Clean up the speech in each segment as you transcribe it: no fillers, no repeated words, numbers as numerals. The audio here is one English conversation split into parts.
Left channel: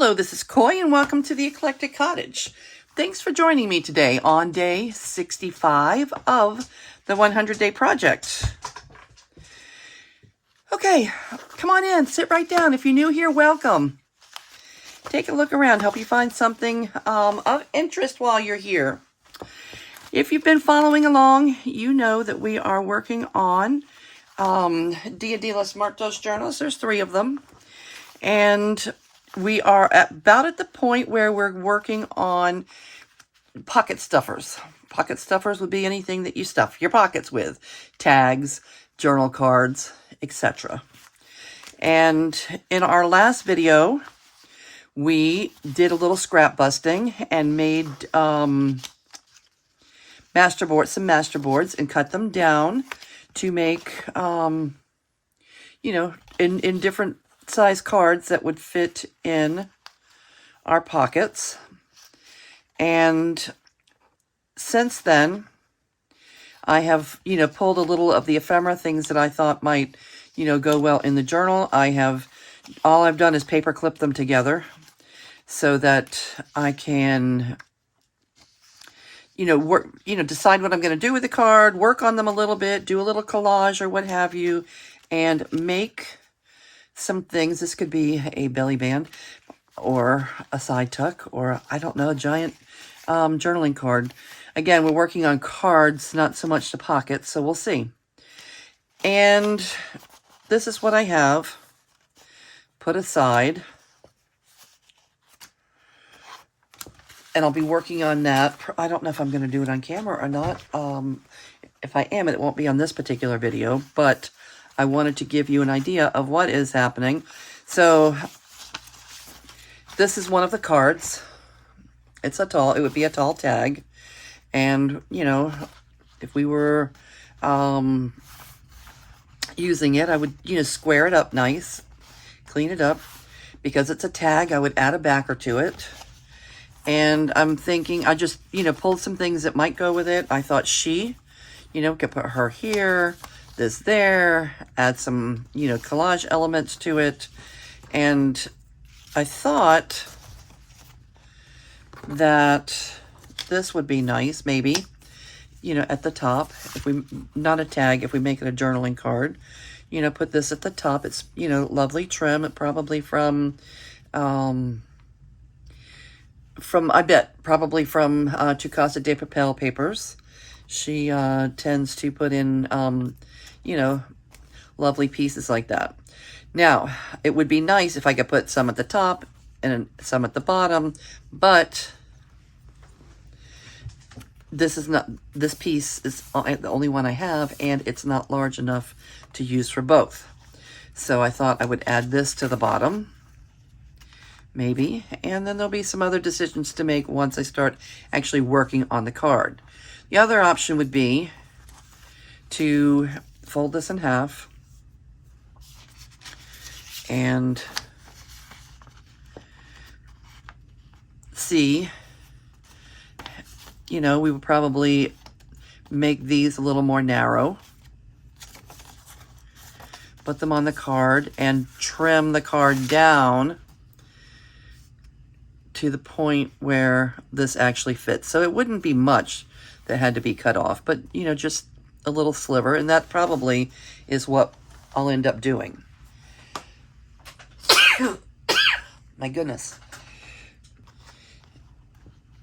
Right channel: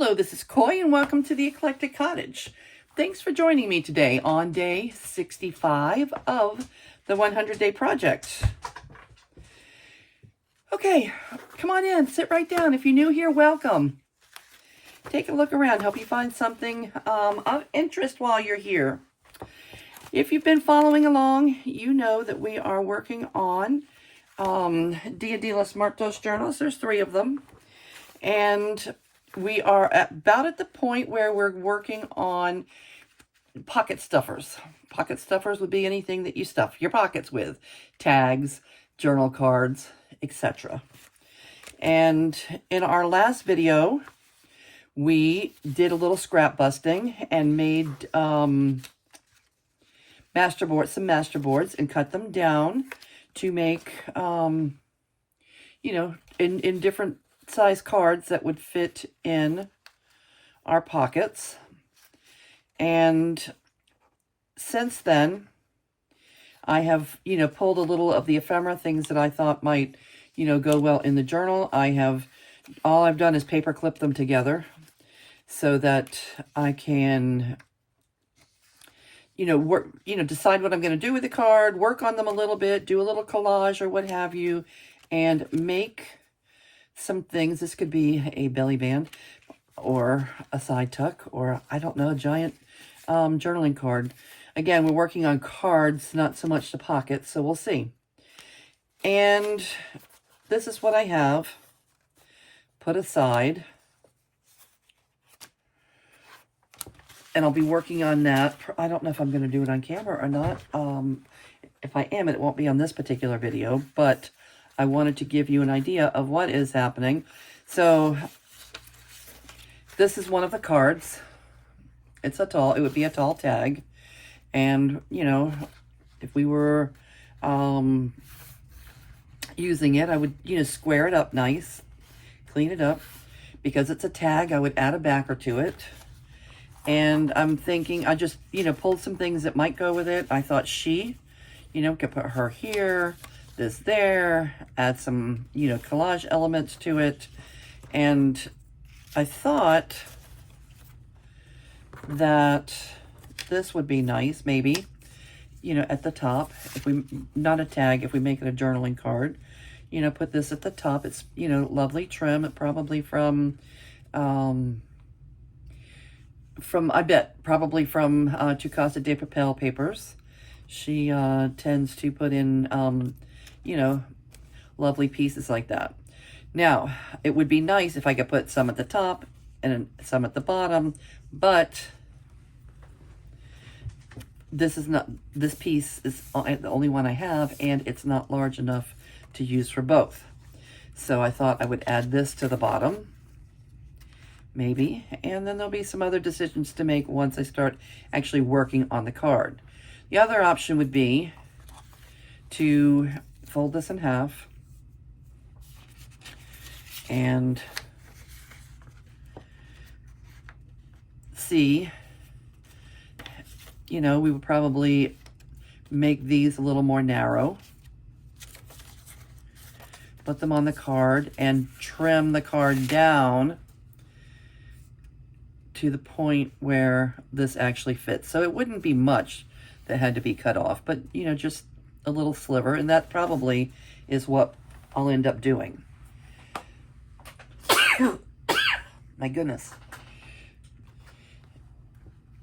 Hello, this is Coy and welcome to the Eclectic Cottage. Thanks for joining me today on day 65 of the 100-day project. Okay, come on in, sit right down. If you're new here, welcome. Take a look around, help you find something of interest while you're here. If you've been following along, you know that we are working on Dia de los Muertos journals. There's 3 of them. And we are about at the point where we're working on pocket stuffers. Pocket stuffers would be anything that you stuff your pockets with. Tags, journal cards, etc. And in our last video, we did a little scrap busting and made some masterboards and cut them down to make, in different size cards that would fit in our pockets. And since then, I have, pulled a little of the ephemera, things that I thought might, go well in the journal. All I've done is paper clip them together so that I can, decide what I'm going to do with the card, work on them a little bit, do a little collage or what have you, and make some things. This could be a belly band or a side tuck or, I don't know, a giant journaling card. Again, we're working on cards, not so much the pockets, so we'll see. And this is what I have put aside. And I'll be working on that. I don't know if I'm going to do it on camera or not. If I am, it won't be on this particular video, but I wanted to give you an idea of what is happening. So this is one of the cards. It would be a tall tag. And, if we were using it, I would, square it up nice, clean it up. Because it's a tag, I would add a backer to it. And I'm thinking, I just, pulled some things that might go with it. I thought she, could put her here, this there, add some, collage elements to it. And I thought that this would be nice, maybe, at the top. Not a tag, if we make it a journaling card, put this at the top. It's, lovely trim, probably from I bet, probably from Tu Casa de Papel papers. She tends to put in, lovely pieces like that. Now, it would be nice if I could put some at the top and some at the bottom, but this piece is the only one I have, and it's not large enough to use for both. So I thought I would add this to the bottom, maybe, and then there'll be some other decisions to make once I start actually working on the card. The other option would be to fold this in half and see, we would probably make these a little more narrow, put them on the card and trim the card down to the point where this actually fits. So it wouldn't be much that had to be cut off, but, just a little sliver, and that probably is what I'll end up doing. My goodness.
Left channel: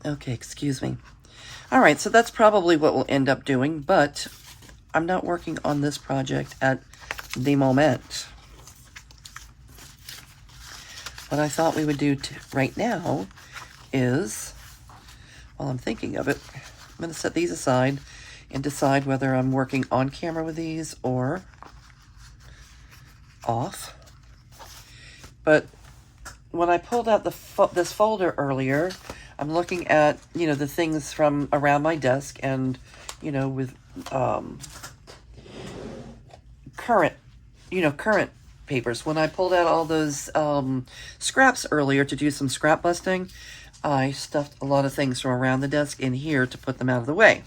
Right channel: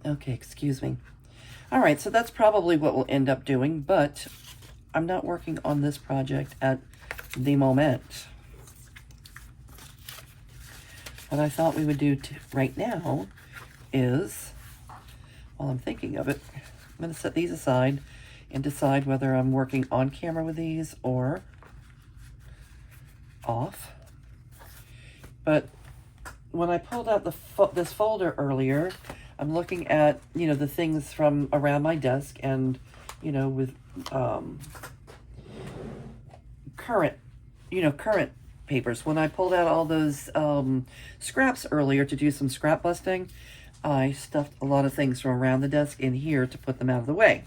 Okay, excuse me. All right, so that's probably what we'll end up doing, but I'm not working on this project at the moment. What I thought we would do right now is, while I'm thinking of it, I'm going to set these aside and decide whether I'm working on camera with these or off. But when I pulled out this folder earlier, I'm looking at, the things from around my desk and, with current papers. When I pulled out all those scraps earlier to do some scrap busting, I stuffed a lot of things from around the desk in here to put them out of the way.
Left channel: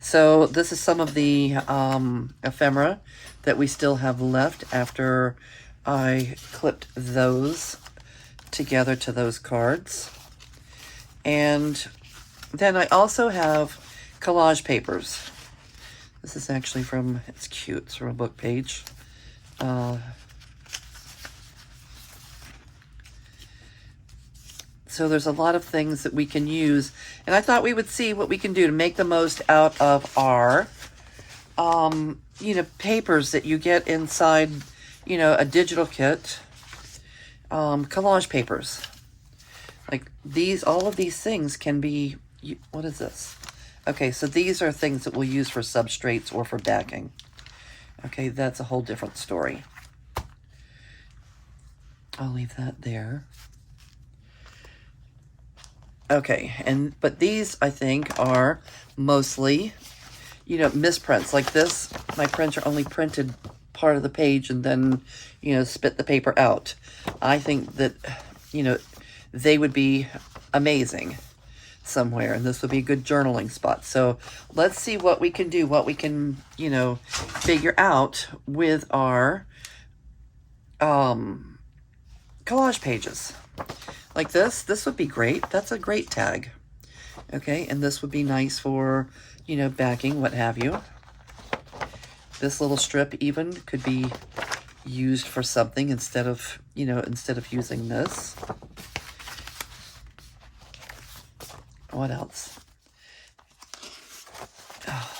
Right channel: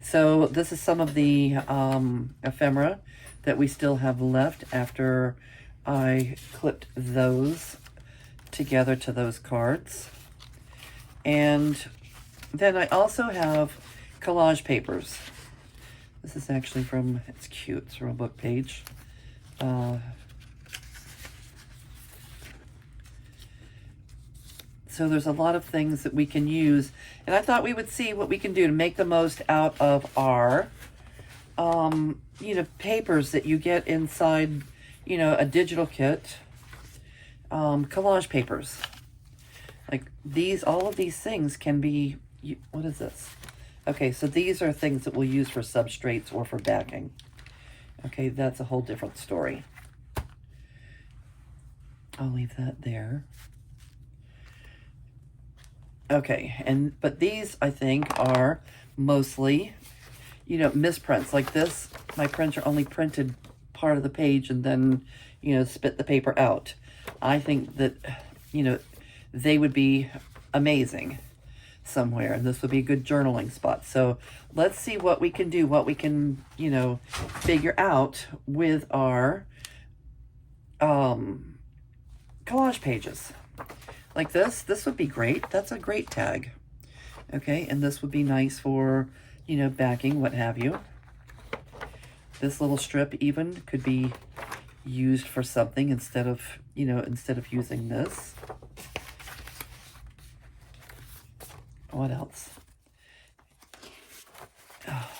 So this is some of the ephemera that we still have left after I clipped those together to those cards. And then I also have collage papers. This is actually from, it's cute, it's from a book page. So there's a lot of things that we can use. And I thought we would see what we can do to make the most out of our, you know, papers that you get inside, you know, a digital kit. Collage papers. Like these, all of these things can be, what is this? Okay, so these are things that we'll use for substrates or for backing. Okay, that's a whole different story. I'll leave that there. Okay, but these, I think, are mostly, you know, misprints. Like this, my printer only printed part of the page and then, you know, spit the paper out. I think that, you know, they would be amazing somewhere, and this would be a good journaling spot. So let's see what we can do, what we can, you know, figure out with our collage pages. Like this would be great. That's a great tag. Okay, and this would be nice for, you know, backing, what have you. This little strip even could be used for something instead of, you know, instead of using this. What else? Oh,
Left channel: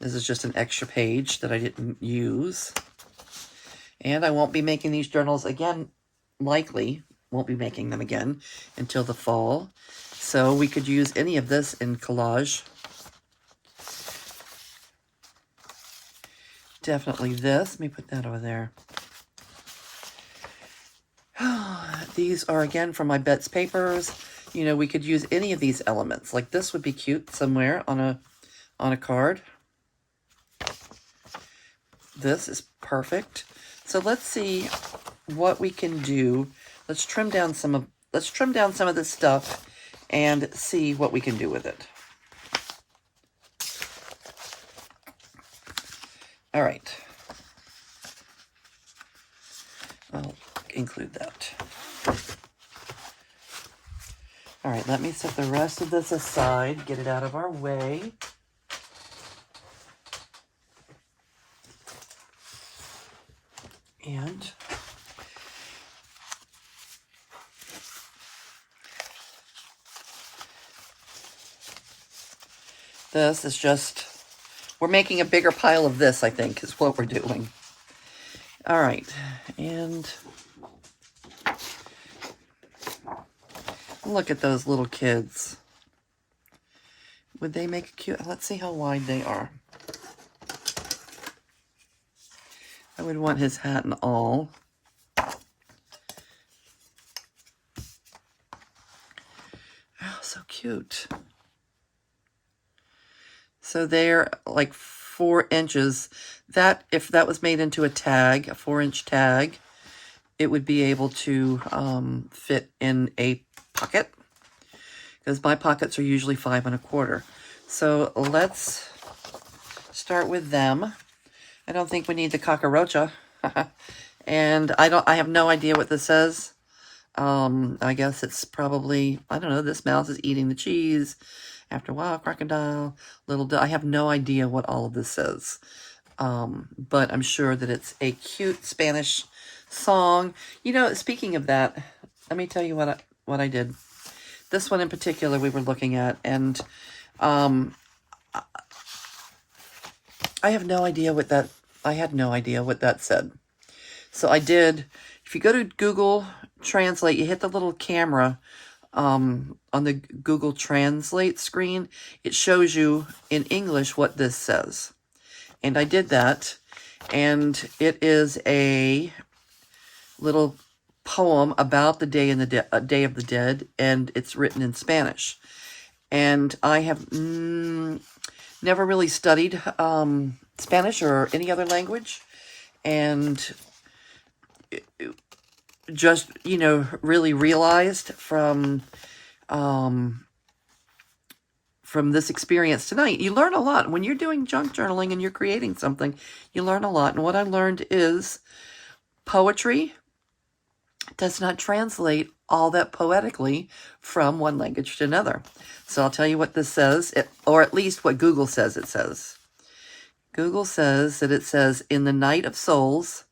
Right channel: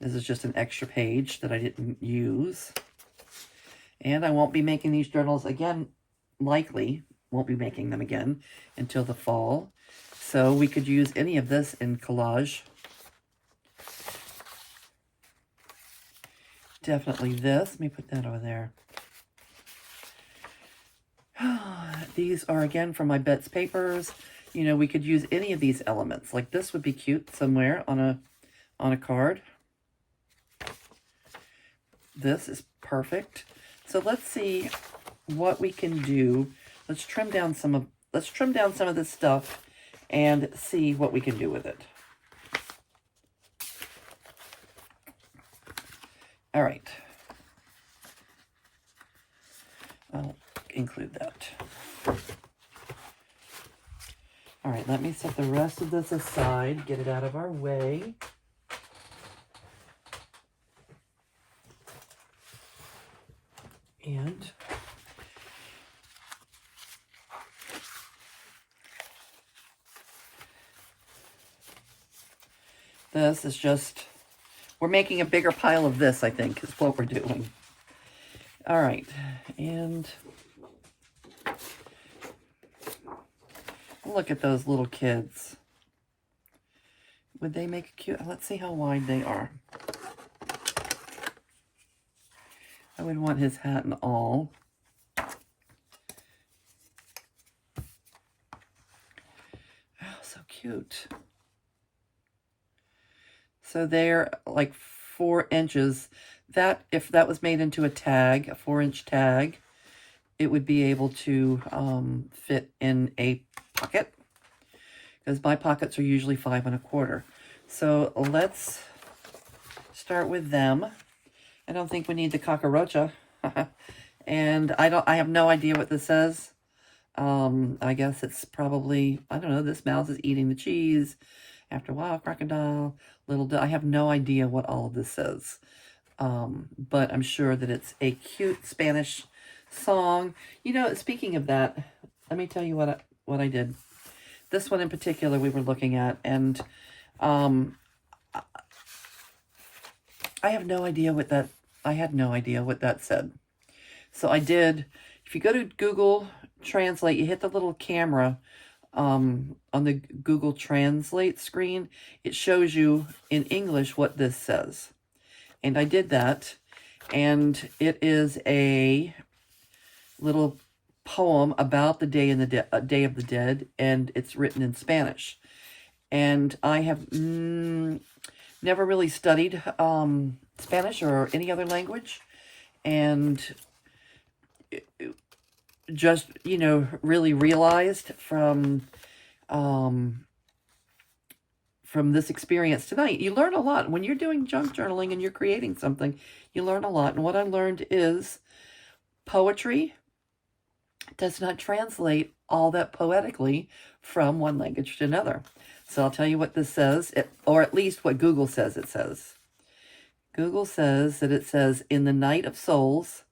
this is just an extra page that I didn't use. And I won't be making these journals again, likely. Won't be making them again until the fall. So we could use any of this in collage. Definitely this. Let me put that over there. These are, again, from my Bet's papers. You know, we could use any of these elements. Like this would be cute somewhere on a card. This is perfect. So let's see what we can do. Let's trim down some of this stuff and see what we can do with it. All right. I'll include that. All right, let me set the rest of this aside, get it out of our way. And this is just, we're making a bigger pile of this, I think, is what we're doing. All right, and look at those little kids. Would they make a cute, let's see how wide they are. I would want his hat and all. Oh, so cute. So they're like 4 inches. That, if that was made into a tag, a 4-inch tag, it would be able to fit in a pocket, because my pockets are usually 5 1/4. So let's start with them. I don't think we need the cockroacha. And I have no idea what this says. I guess it's probably, I don't know, this mouse is eating the cheese. After a while, crocodile, I have no idea what all of this says. But I'm sure that it's a cute Spanish song. You know, speaking of that, let me tell you what I did. This one in particular we were looking at, and I have no idea what that, I had no idea what that said. So I did, if you go to Google Translate, you hit the little camera on the Google Translate screen, it shows you in English what this says. And I did that, and it is a little poem about the Day Day of the Dead, and it's written in Spanish. And I have never really studied Spanish or any other language, and just, you know, really realized from this experience tonight, you learn a lot. When you're doing junk journaling and you're creating something, you learn a lot. And what I learned is poetry does not translate all that poetically from one language to another. So I'll tell you what this says, or at least what Google says it says. Google says that it says, in the night of souls,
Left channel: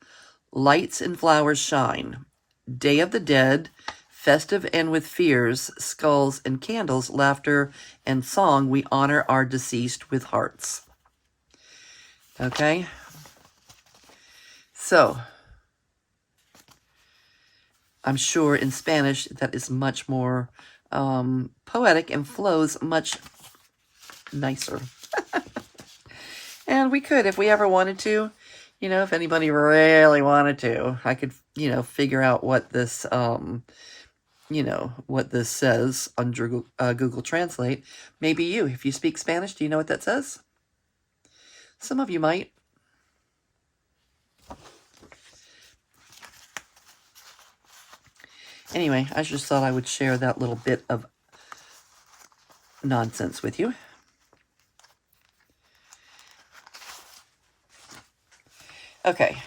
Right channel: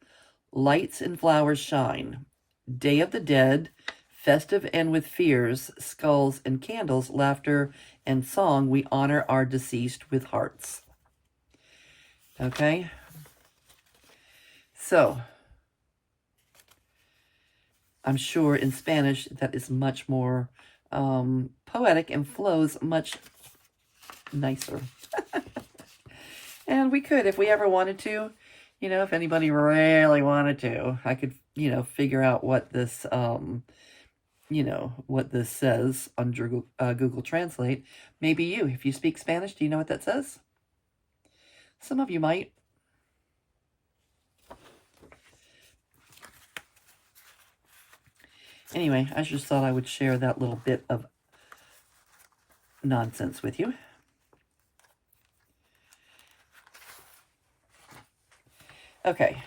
lights and flowers shine. Day of the dead, festive and with fears, skulls and candles, laughter and song, we honor our deceased with hearts. Okay? So, I'm sure in Spanish that is much more poetic and flows much nicer. And we could, if we ever wanted to, you know, if anybody really wanted to, I could, you know, figure out what this, you know, what this says under Google Translate. Maybe you, if you speak Spanish, do you know what that says? Some of you might. Anyway, I just thought I would share that little bit of nonsense with you. Okay,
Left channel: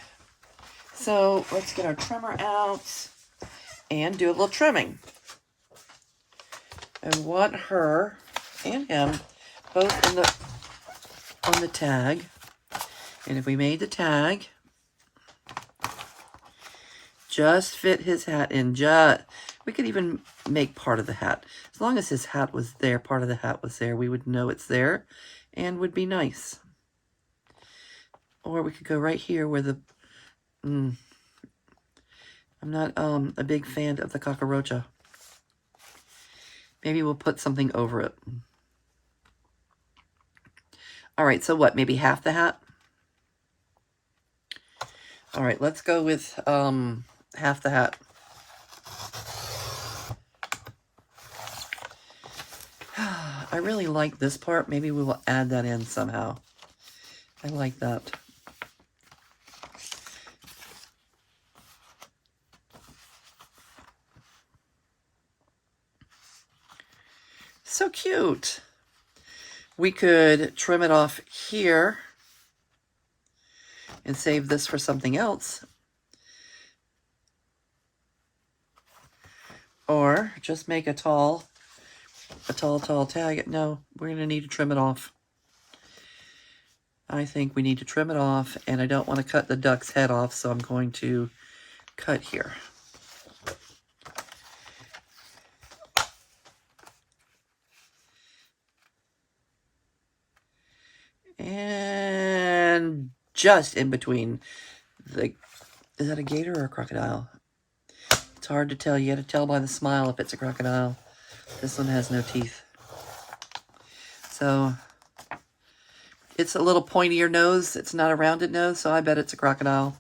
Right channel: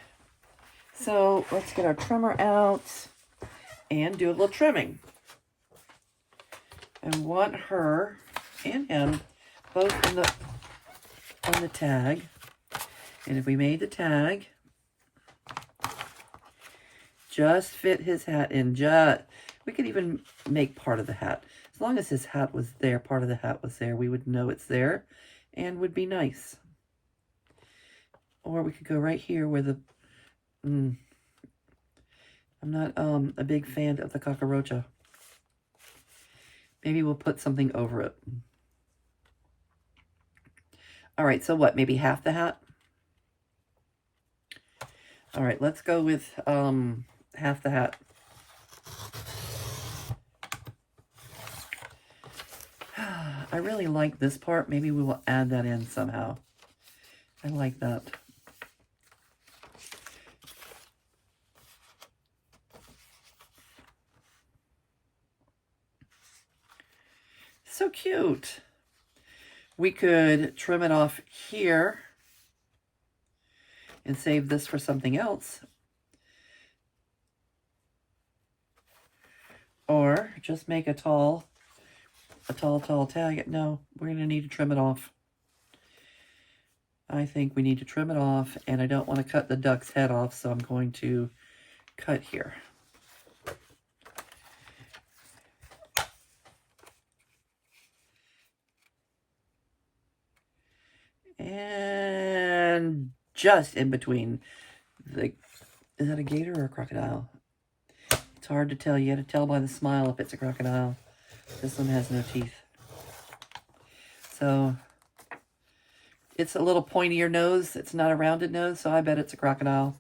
so let's get our trimmer out and do a little trimming. I want her and him both on the tag. And if we made the tag, just fit his hat in. We could even make part of the hat. As long as his hat was there, part of the hat was there, we would know it's there and would be nice. Or we could go right here where the... I'm not a big fan of the cucaracha. Maybe we'll put something over it. All right, so what? Maybe half the hat? All right, let's go with half the hat. I really like this part. Maybe we will add that in somehow. I like that. So cute. We could trim it off here and save this for something else. Or just make a tall tag. No, we're going to need to trim it off. I think we need to trim it off, and I don't want to cut the duck's head off, so I'm going to cut here. And just in between the... Is that a gator or a crocodile? It's hard to tell. You got to tell by the smile if it's a crocodile. This one has no teeth. So, it's a little pointier nose. It's not a rounded nose, so I bet it's a crocodile.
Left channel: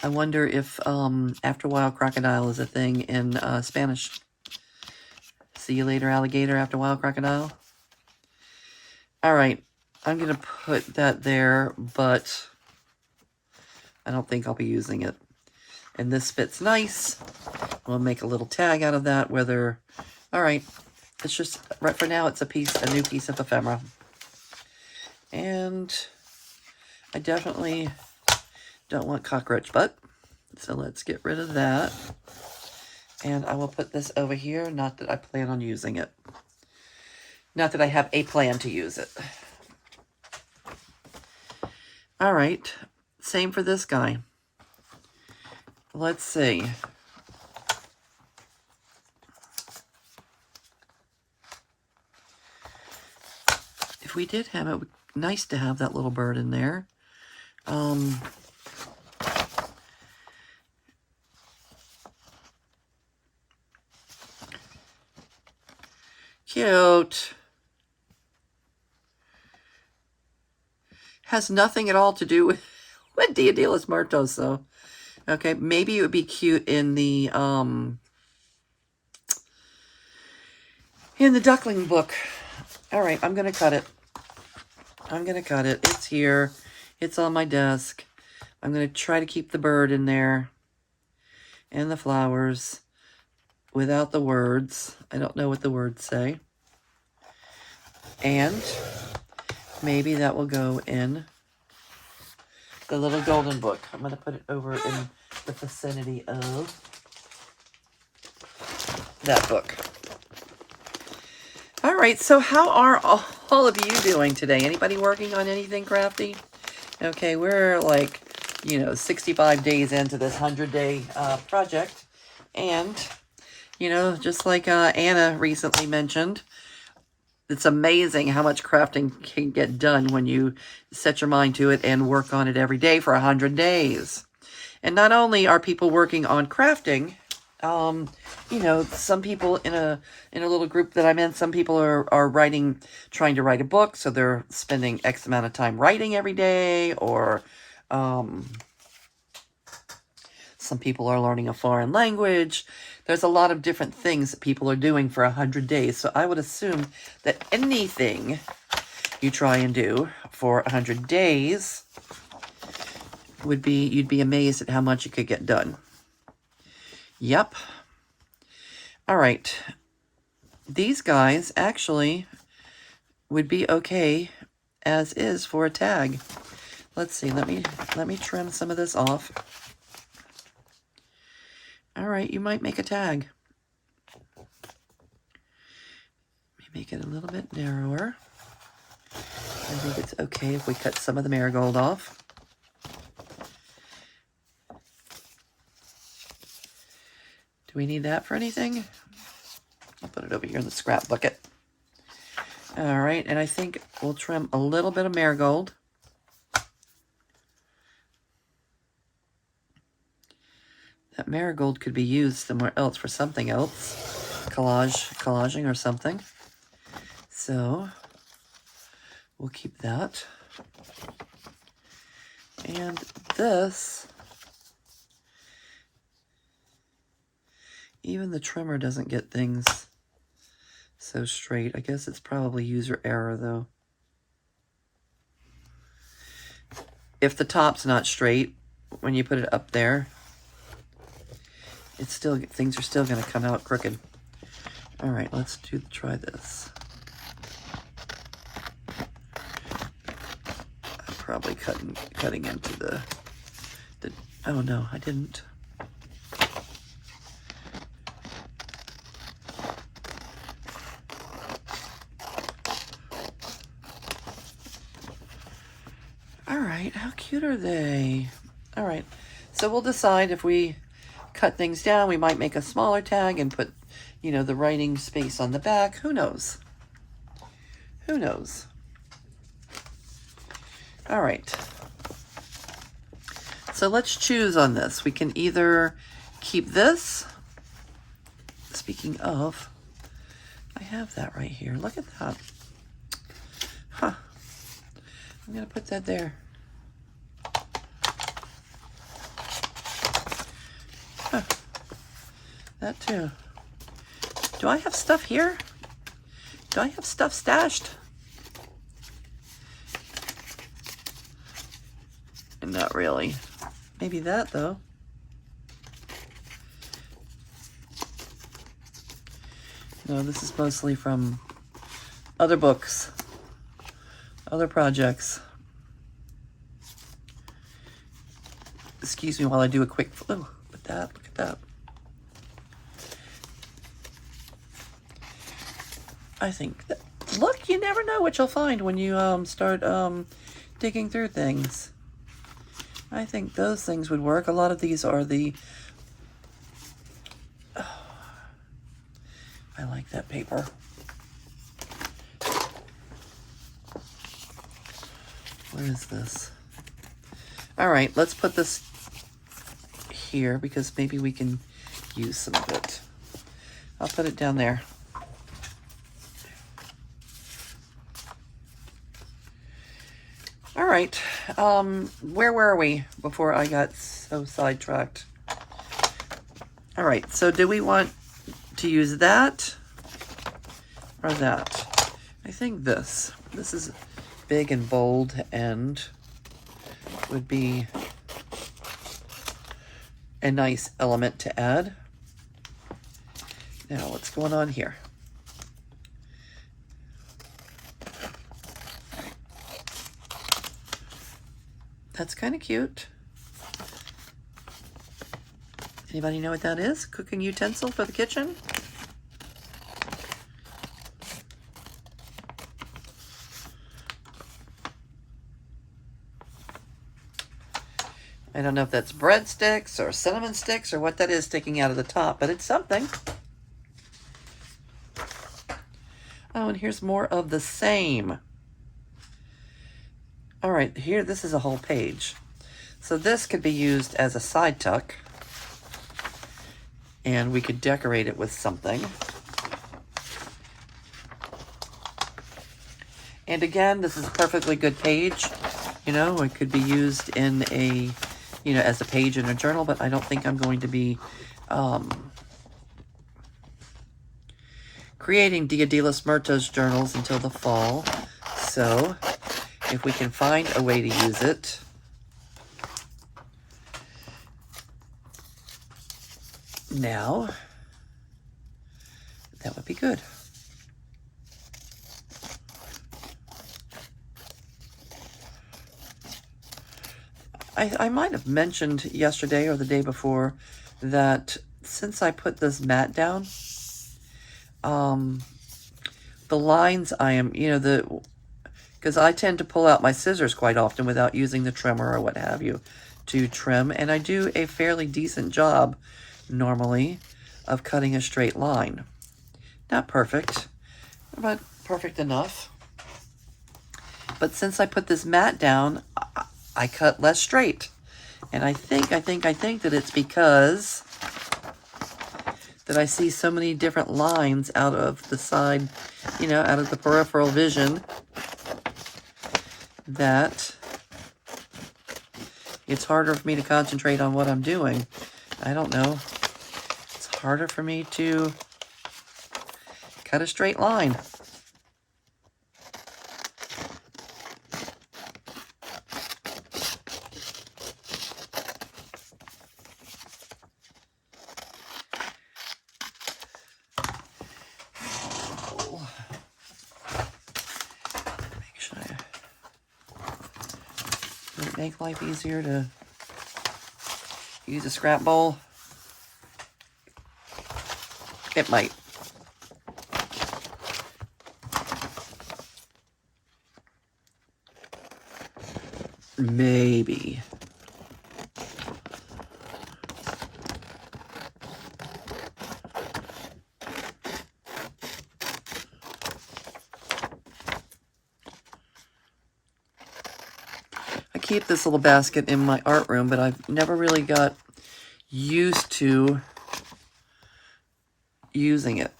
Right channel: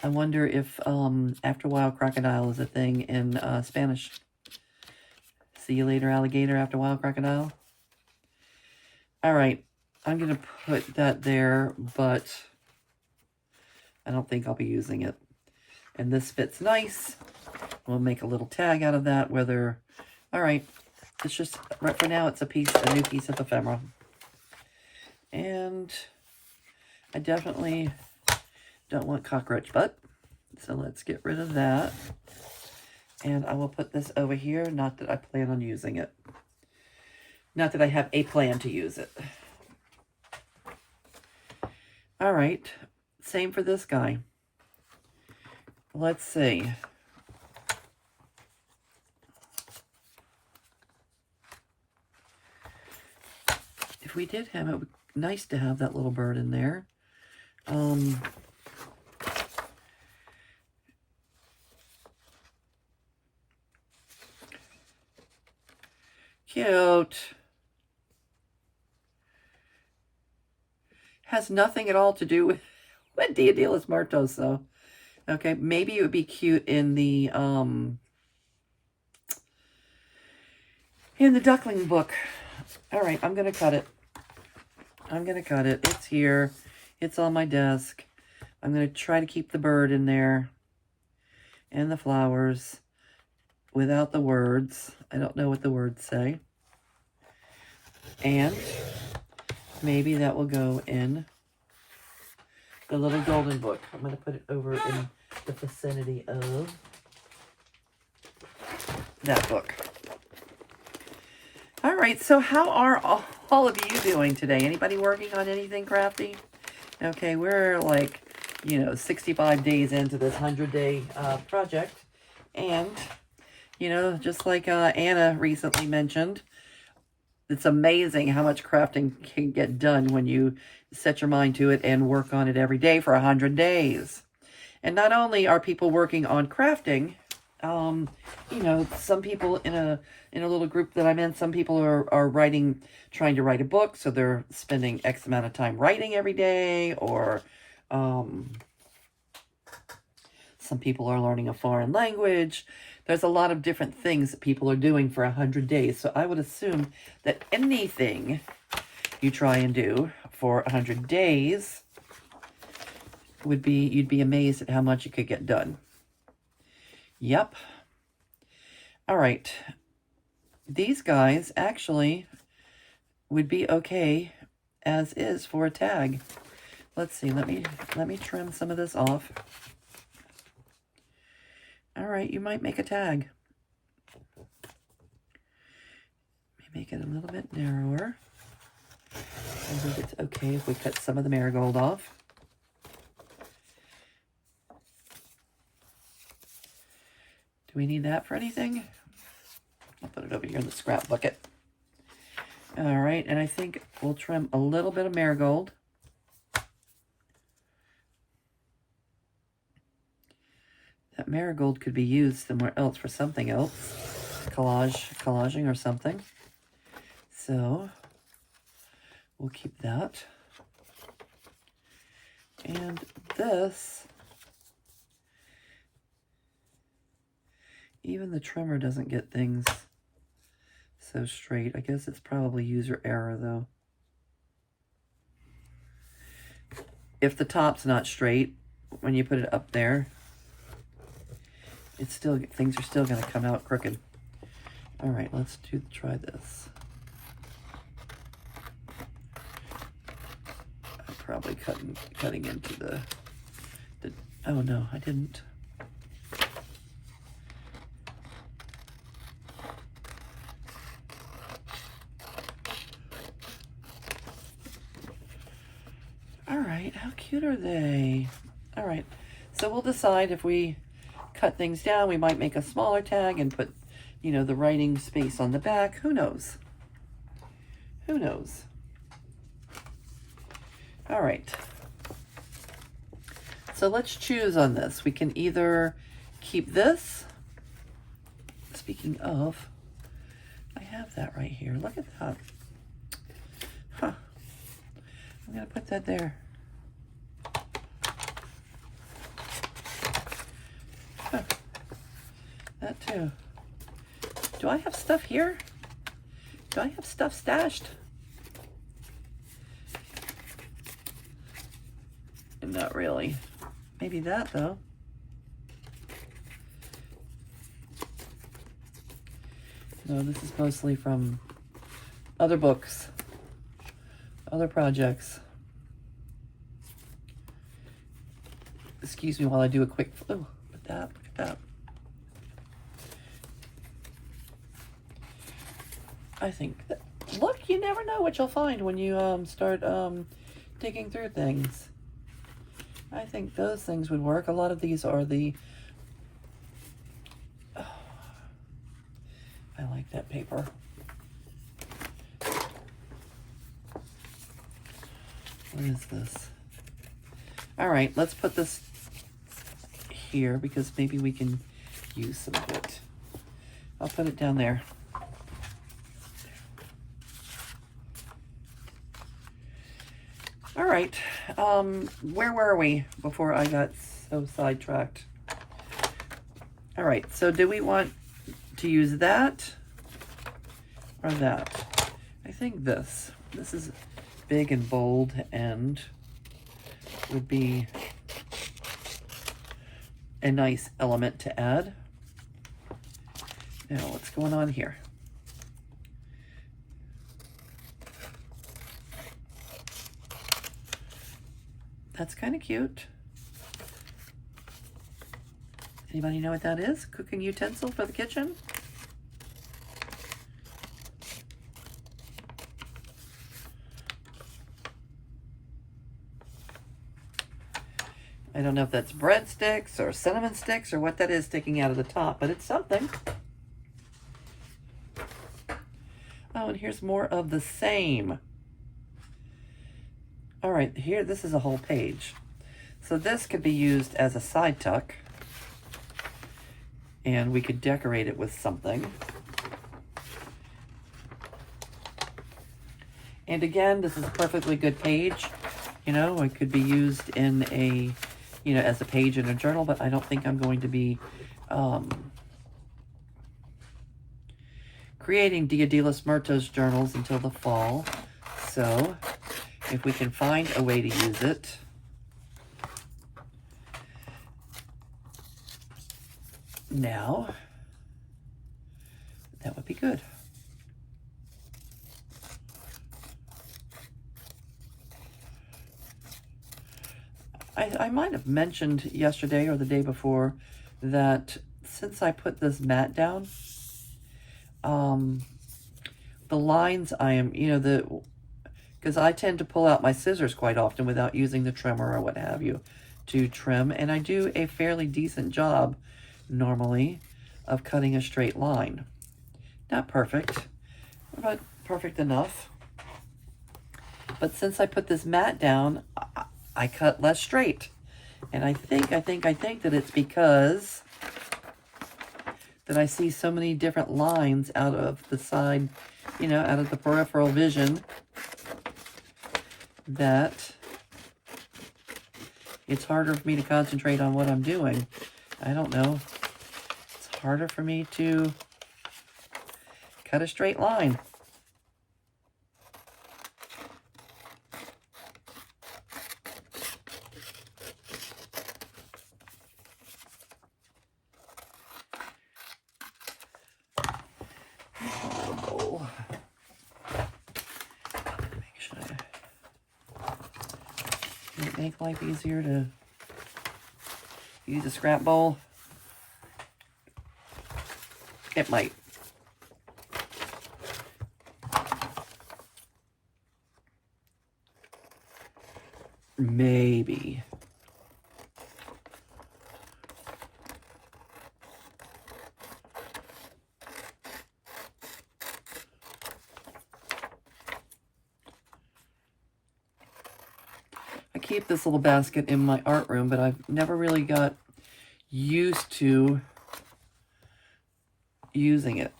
I wonder if, after a while, crocodile is a thing in Spanish. See you later, alligator, after a while, crocodile. All right, I'm going to put that there, but I don't think I'll be using it. And this fits nice. We'll make a little tag out of that, whether... All right, it's just, right for now, it's a new piece of ephemera. And I definitely don't want cockroach butt, so let's get rid of that. And I will put this over here, not that I plan on using it. Not that I have a plan to use it. All right, same for this guy. Let's see. If we did have it, would be nice to have that little bird in there. Cute. Has nothing at all to do with Dia de los Muertos, though. Okay, maybe it would be cute in the duckling book. All right, I'm gonna cut it. I'm gonna cut it. It's here. It's on my desk. I'm gonna try to keep the bird in there and the flowers without the words. I don't know what the words say. And maybe that will go in the little golden book. I'm going to put it over in the vicinity of that book. All right, so how are all of you doing today? Anybody working on anything crafty? Okay, we're like, 65 days into this 100-day project. And, just like Anna recently mentioned, it's amazing how much crafting can get done when you set your mind to it and work on it every day for 100 days. And not only are people working on crafting, some people in a little group that I'm in, some people are trying to write a book, so they're spending X amount of time writing every day, or some people are learning a foreign language. There's a lot of different things that people are doing for 100 days. So I would assume that anything you try and do for 100 days you'd be amazed at how much you could get done. Yep. All right. These guys actually would be okay as is for a tag. Let's see. Let me trim some of this off. All right, you might make a tag. Make it a little bit narrower. I think it's okay if we cut some of the marigold off. Do we need that for anything? I'll put it over here in the scrap bucket. All right, and I think we'll trim a little bit of marigold. That marigold could be used somewhere else for something else. Collaging or something. So, we'll keep that. And this, even the trimmer doesn't get things so straight. I guess it's probably user error though. If the top's not straight, when you put it up there, things are still going to come out crooked. All right, let's try this. I'm probably cutting into the. Oh no, I didn't. All right, how cute are they? All right, so we'll decide if we cut things down. We might make a smaller tag and put, the writing space on the back. Who knows? Who knows? All right. So let's choose on this. We can either keep this. Speaking of, I have that right here. Look at that. Huh. I'm going to put that there. Huh. That too. Do I have stuff here? Do I have stuff stashed? Not really. Maybe that though. No, this is mostly from other books, other projects. Excuse me while I do a quick flip. Look at that. I think that, look, you never know what you'll find when you start digging through things. I think those things would work. A lot of these are the I like that paper. Where is this? All right, let's put this here because maybe we can use some of it. I'll put it down there. All right, where were we before I got so sidetracked? All right, so do we want to use that or that? I think this is big and bold and would be a nice element to add. Now, what's going on here? That's kind of cute. Anybody know what that is? Cooking utensil for the kitchen? I don't know if that's breadsticks or cinnamon sticks or what that is sticking out of the top, but it's something. Oh, and here's more of the same. All right, here, this is a whole page. So this could be used as a side tuck, and we could decorate it with something. And again, this is a perfectly good page. You know, it could be used in a, you know, as a page in a journal, but I don't think I'm going to be creating Dia de los Muertos journals until the fall. So if we can find a way to use it, now, that would be good. I might have mentioned yesterday or the day before that since I put this mat down, the lines I am, you know, because I tend to pull out my scissors quite often without using the trimmer or what have you to trim, and I do a fairly decent job normally of cutting a straight line. Not perfect, but perfect enough. But since I put this mat down, I cut less straight. And I think that it's because that I see so many different lines out of the side, you know, out of the peripheral vision, that it's harder for me to concentrate on what I'm doing. I don't know. It's harder for me to cut a straight line. Make life easier to use a scrap bowl? It might. Maybe. Keep this little basket in my art room, but I've never really got used to using it.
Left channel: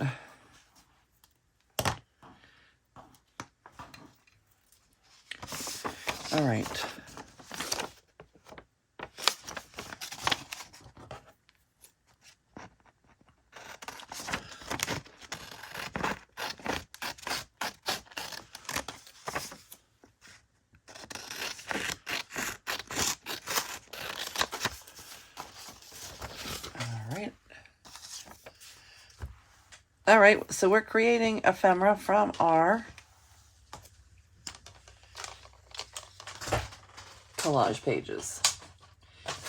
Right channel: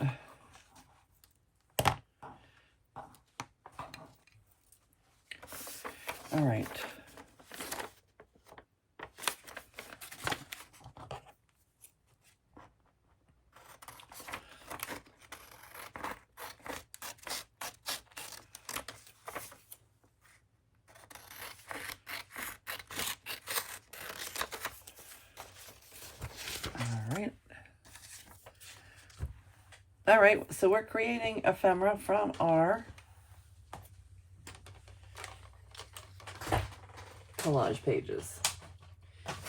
All right. All right, so we're creating ephemera from our collage pages.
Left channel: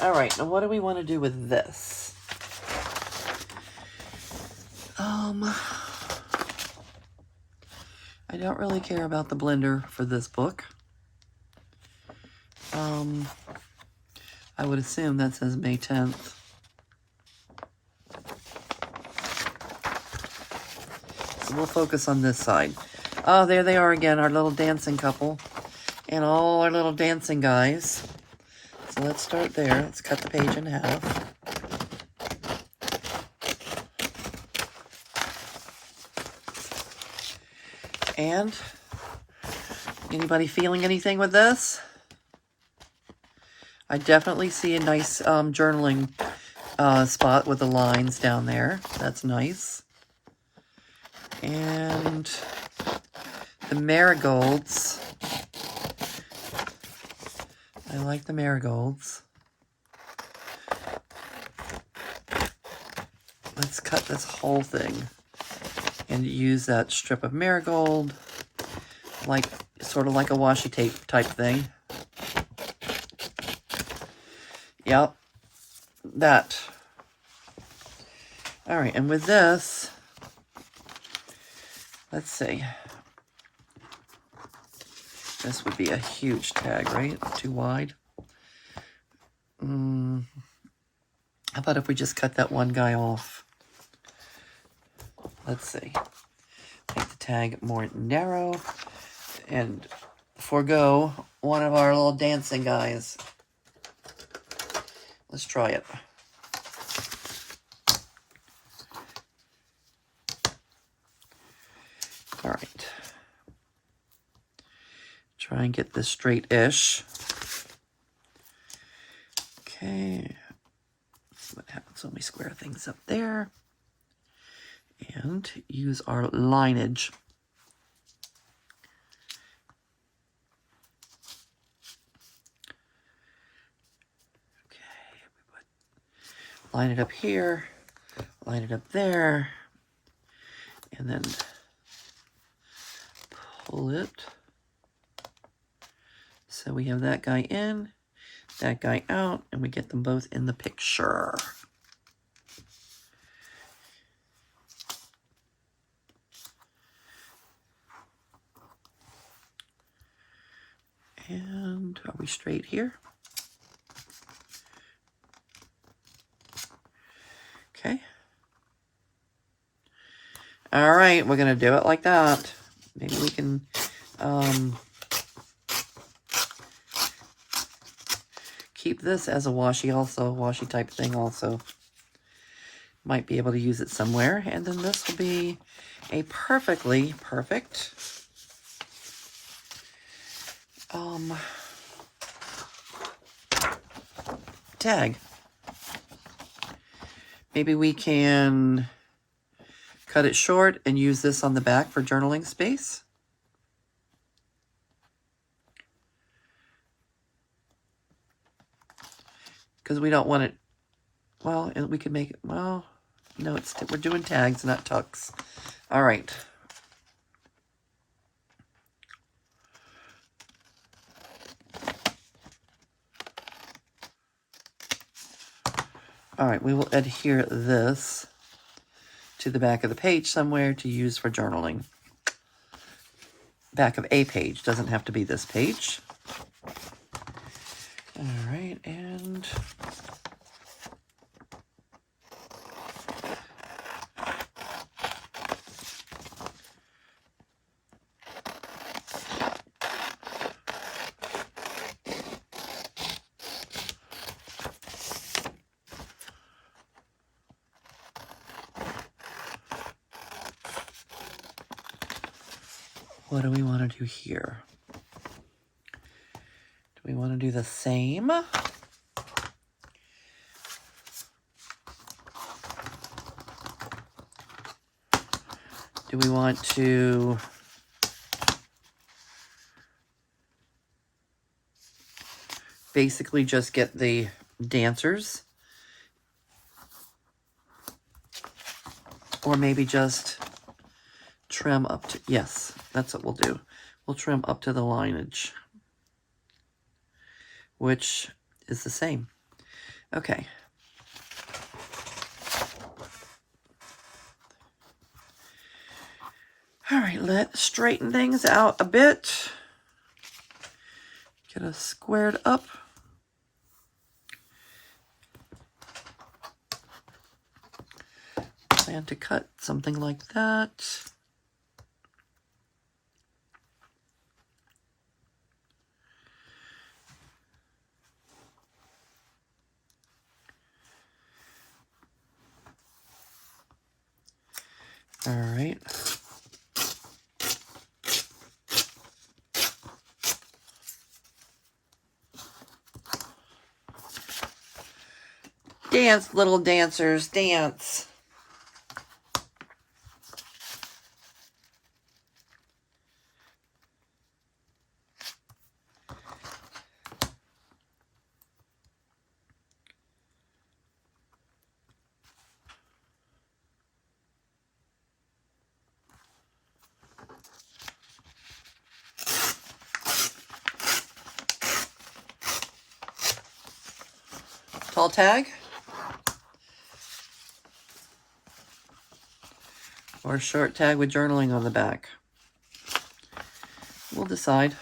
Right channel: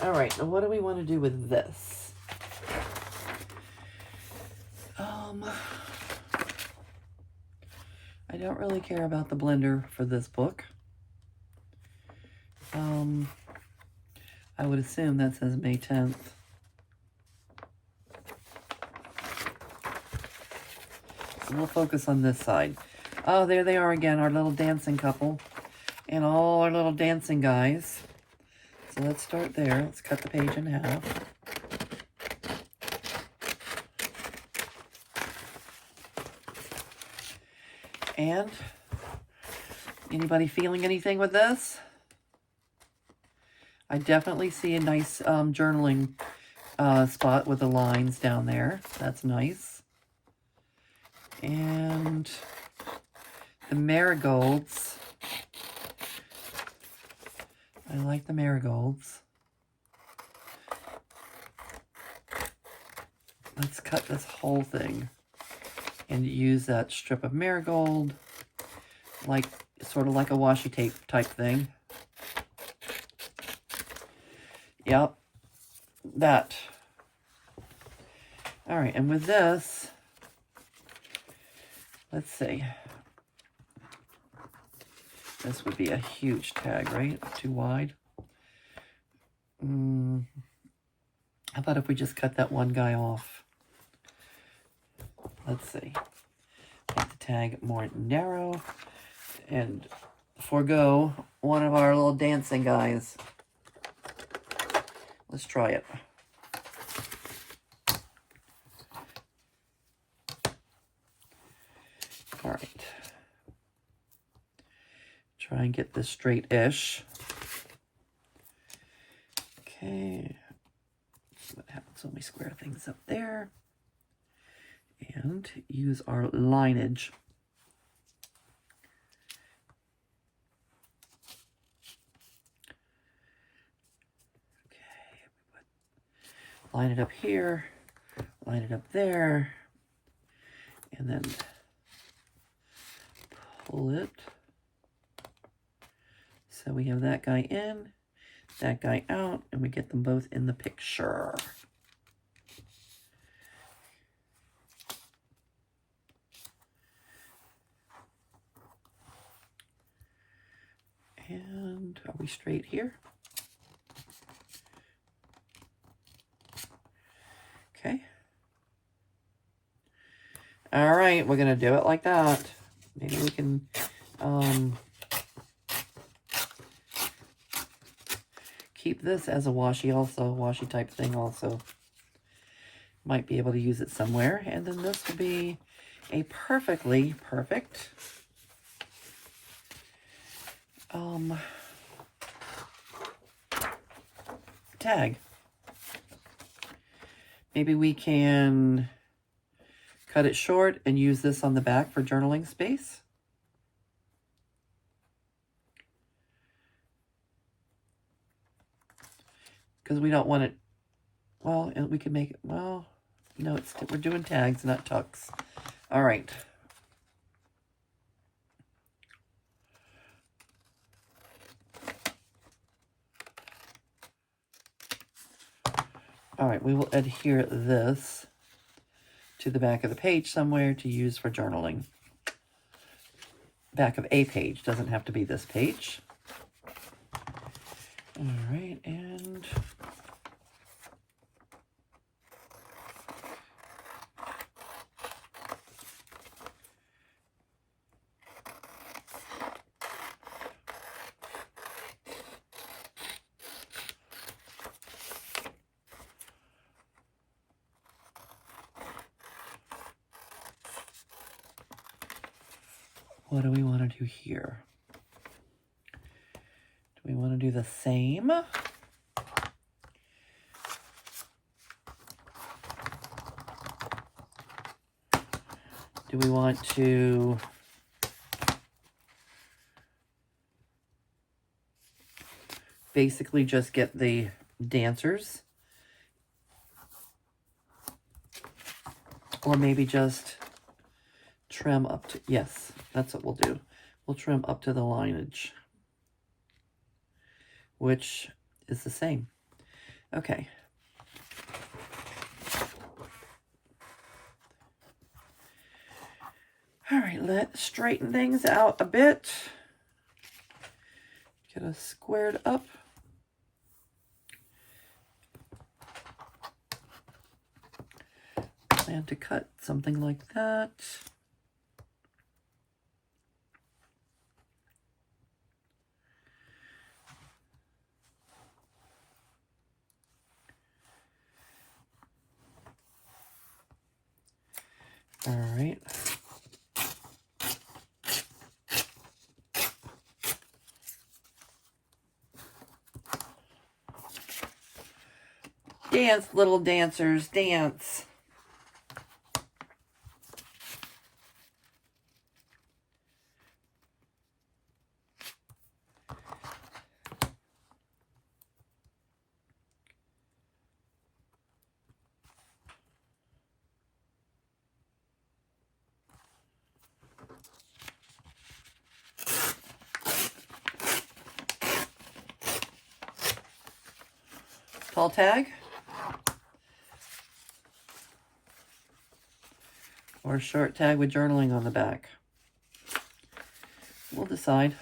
All right, now what do we want to do with this? I don't really care about the blender for this book. I would assume that says May 10th. So we'll focus on this side. Oh, there they are again, our little dancing couple. And all our little dancing guys. So let's start there. Let's cut the page in half. And anybody feeling anything with this? I definitely see a nice journaling spot with the lines down there. That's nice. And the marigolds. I like the marigolds. Let's cut this whole thing and use that strip of marigold, like sort of like a washi tape type thing. Yep. That. All right, and with this, let's see. This would be a huge tag, right? Too wide. How about if we just cut that one guy off? Let's see. Make the tag more narrow and forego one of our little dancing guys. Let's try it. All right. Try and get this straight-ish. Okay. See what happens when we square things up there. And use our lineage. Okay. Line it up here. Line it up there. And then pull it. So we have that guy in, that guy out, and we get them both in the picture. And are we straight here? Okay. All right, we're gonna do it like that. Maybe we can keep this as a washi also, washi type thing also. Might be able to use it somewhere. And then this will be a perfectly perfect tag. Maybe we can cut it short and use this on the back for journaling space. Because we don't want it, well, and we can make it, well, no, we're doing tags, not tucks. All right. All right, we will adhere this to the back of the page somewhere to use for journaling. Back of a page, doesn't have to be this page. All right, and what do we want to do here? Do we want to do the same? Do we want to basically just get the dancers? Or maybe just trim up to, yes, that's what we'll do. We'll trim up to the lineage, which is the same. Okay. All right, let's straighten things out a bit. Get us squared up. Plan to cut something like that. All right. Dance, little dancers, dance. Tall tag? Or a short tag with journaling on the back? We'll decide.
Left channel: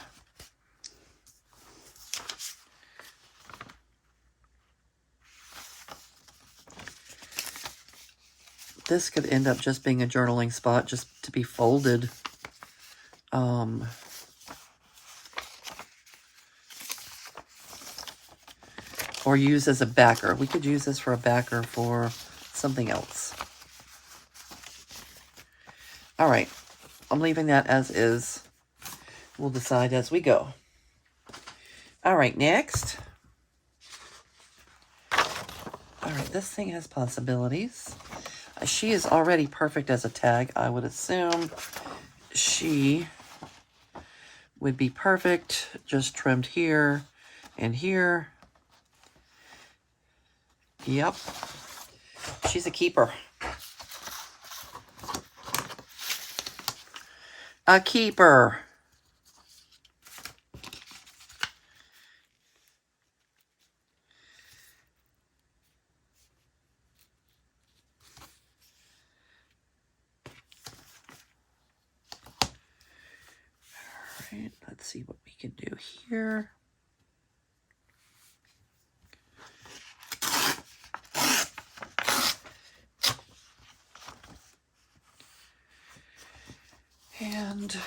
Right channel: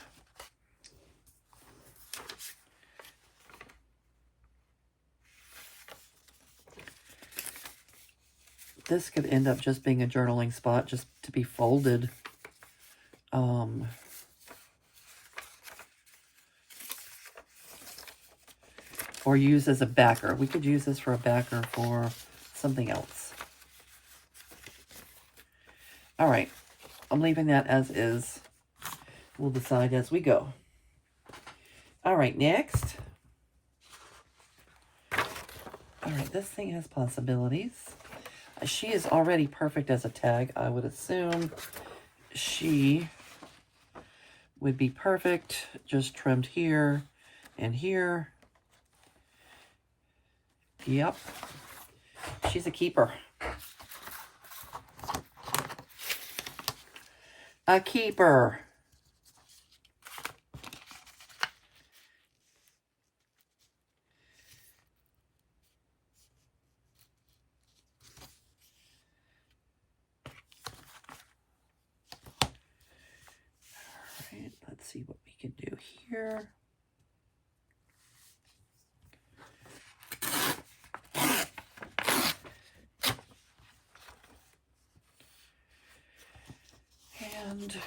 This could end up just being a journaling spot, just to be folded. Or used as a backer. We could use this for a backer for something else. All right, I'm leaving that as is. We'll decide as we go. All right, next. All right, this thing has possibilities. She is already perfect as a tag. I would assume she would be perfect, just trimmed here and here. Yep. She's a keeper. A keeper. All right, let's see what we can do here. And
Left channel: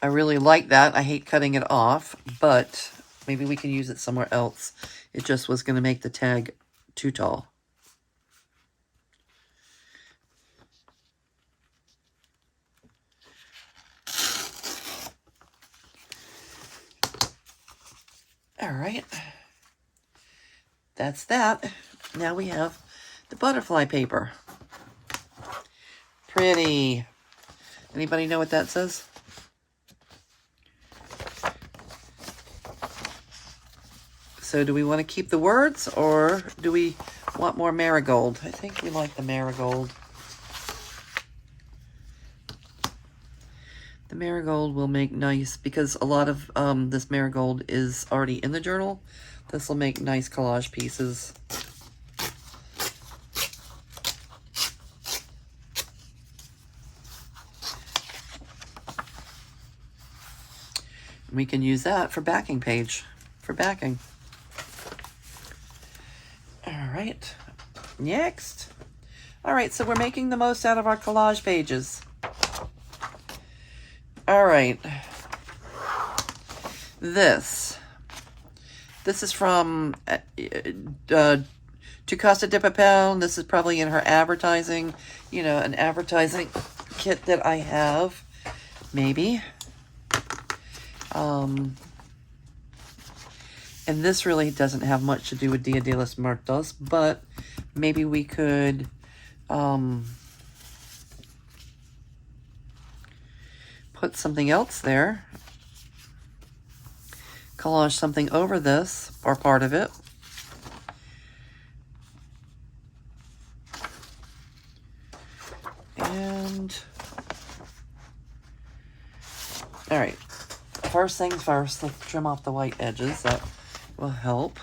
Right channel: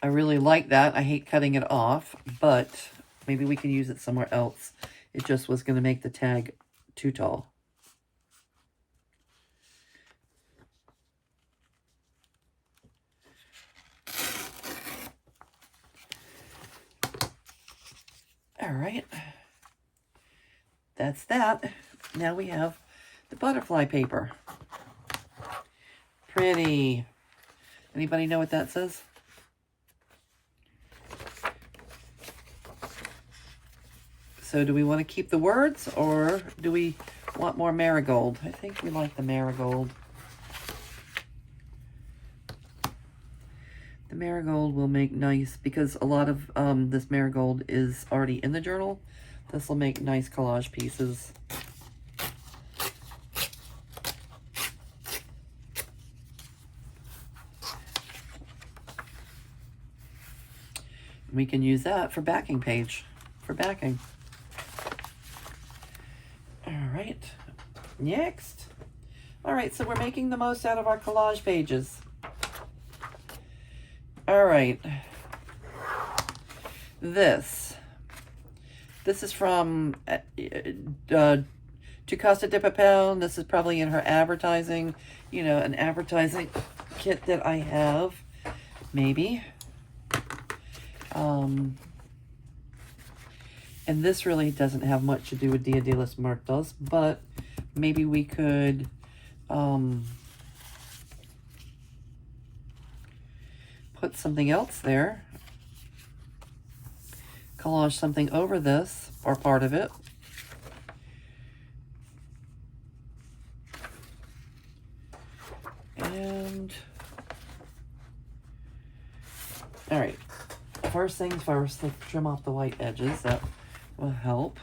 I really like that. I hate cutting it off, but maybe we can use it somewhere else. It just was going to make the tag too tall. All right. That's that. Now we have the butterfly paper. Pretty. Anybody know what that says? So do we want to keep the words, or do we want more marigold? I think we like the marigold. The marigold will make nice, because a lot of this marigold is already in the journal. This will make nice collage pieces. We can use that for backing page, for backing. All right, next. All right, so we're making the most out of our collage pages. All right, this is from To Costa Dip a Pound. This is probably in her advertising, you know, an advertising kit that I have, maybe. And this really doesn't have much to do with Dia de los Muertos, but maybe we could put something else there. Collage something over this, or part of it. And, all right, first things first, let's trim off the white edges. That will help.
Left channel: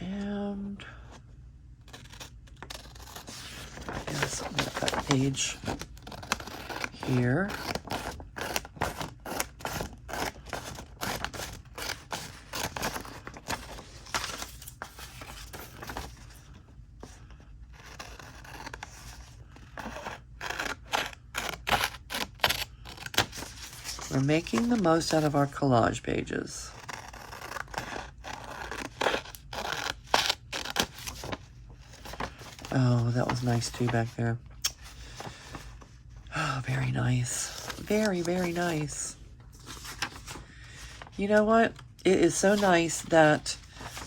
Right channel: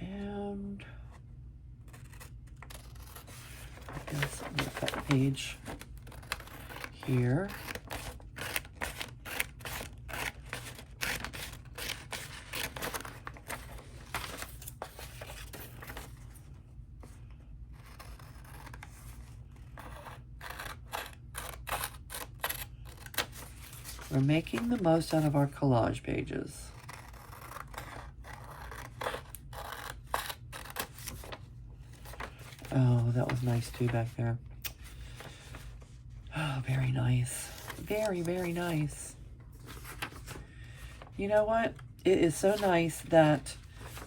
And I guess I'm gonna cut a page here. We're making the most out of our collage pages. Oh, that was nice too back there. Oh, very nice. Very, very nice. You know what? It is so nice that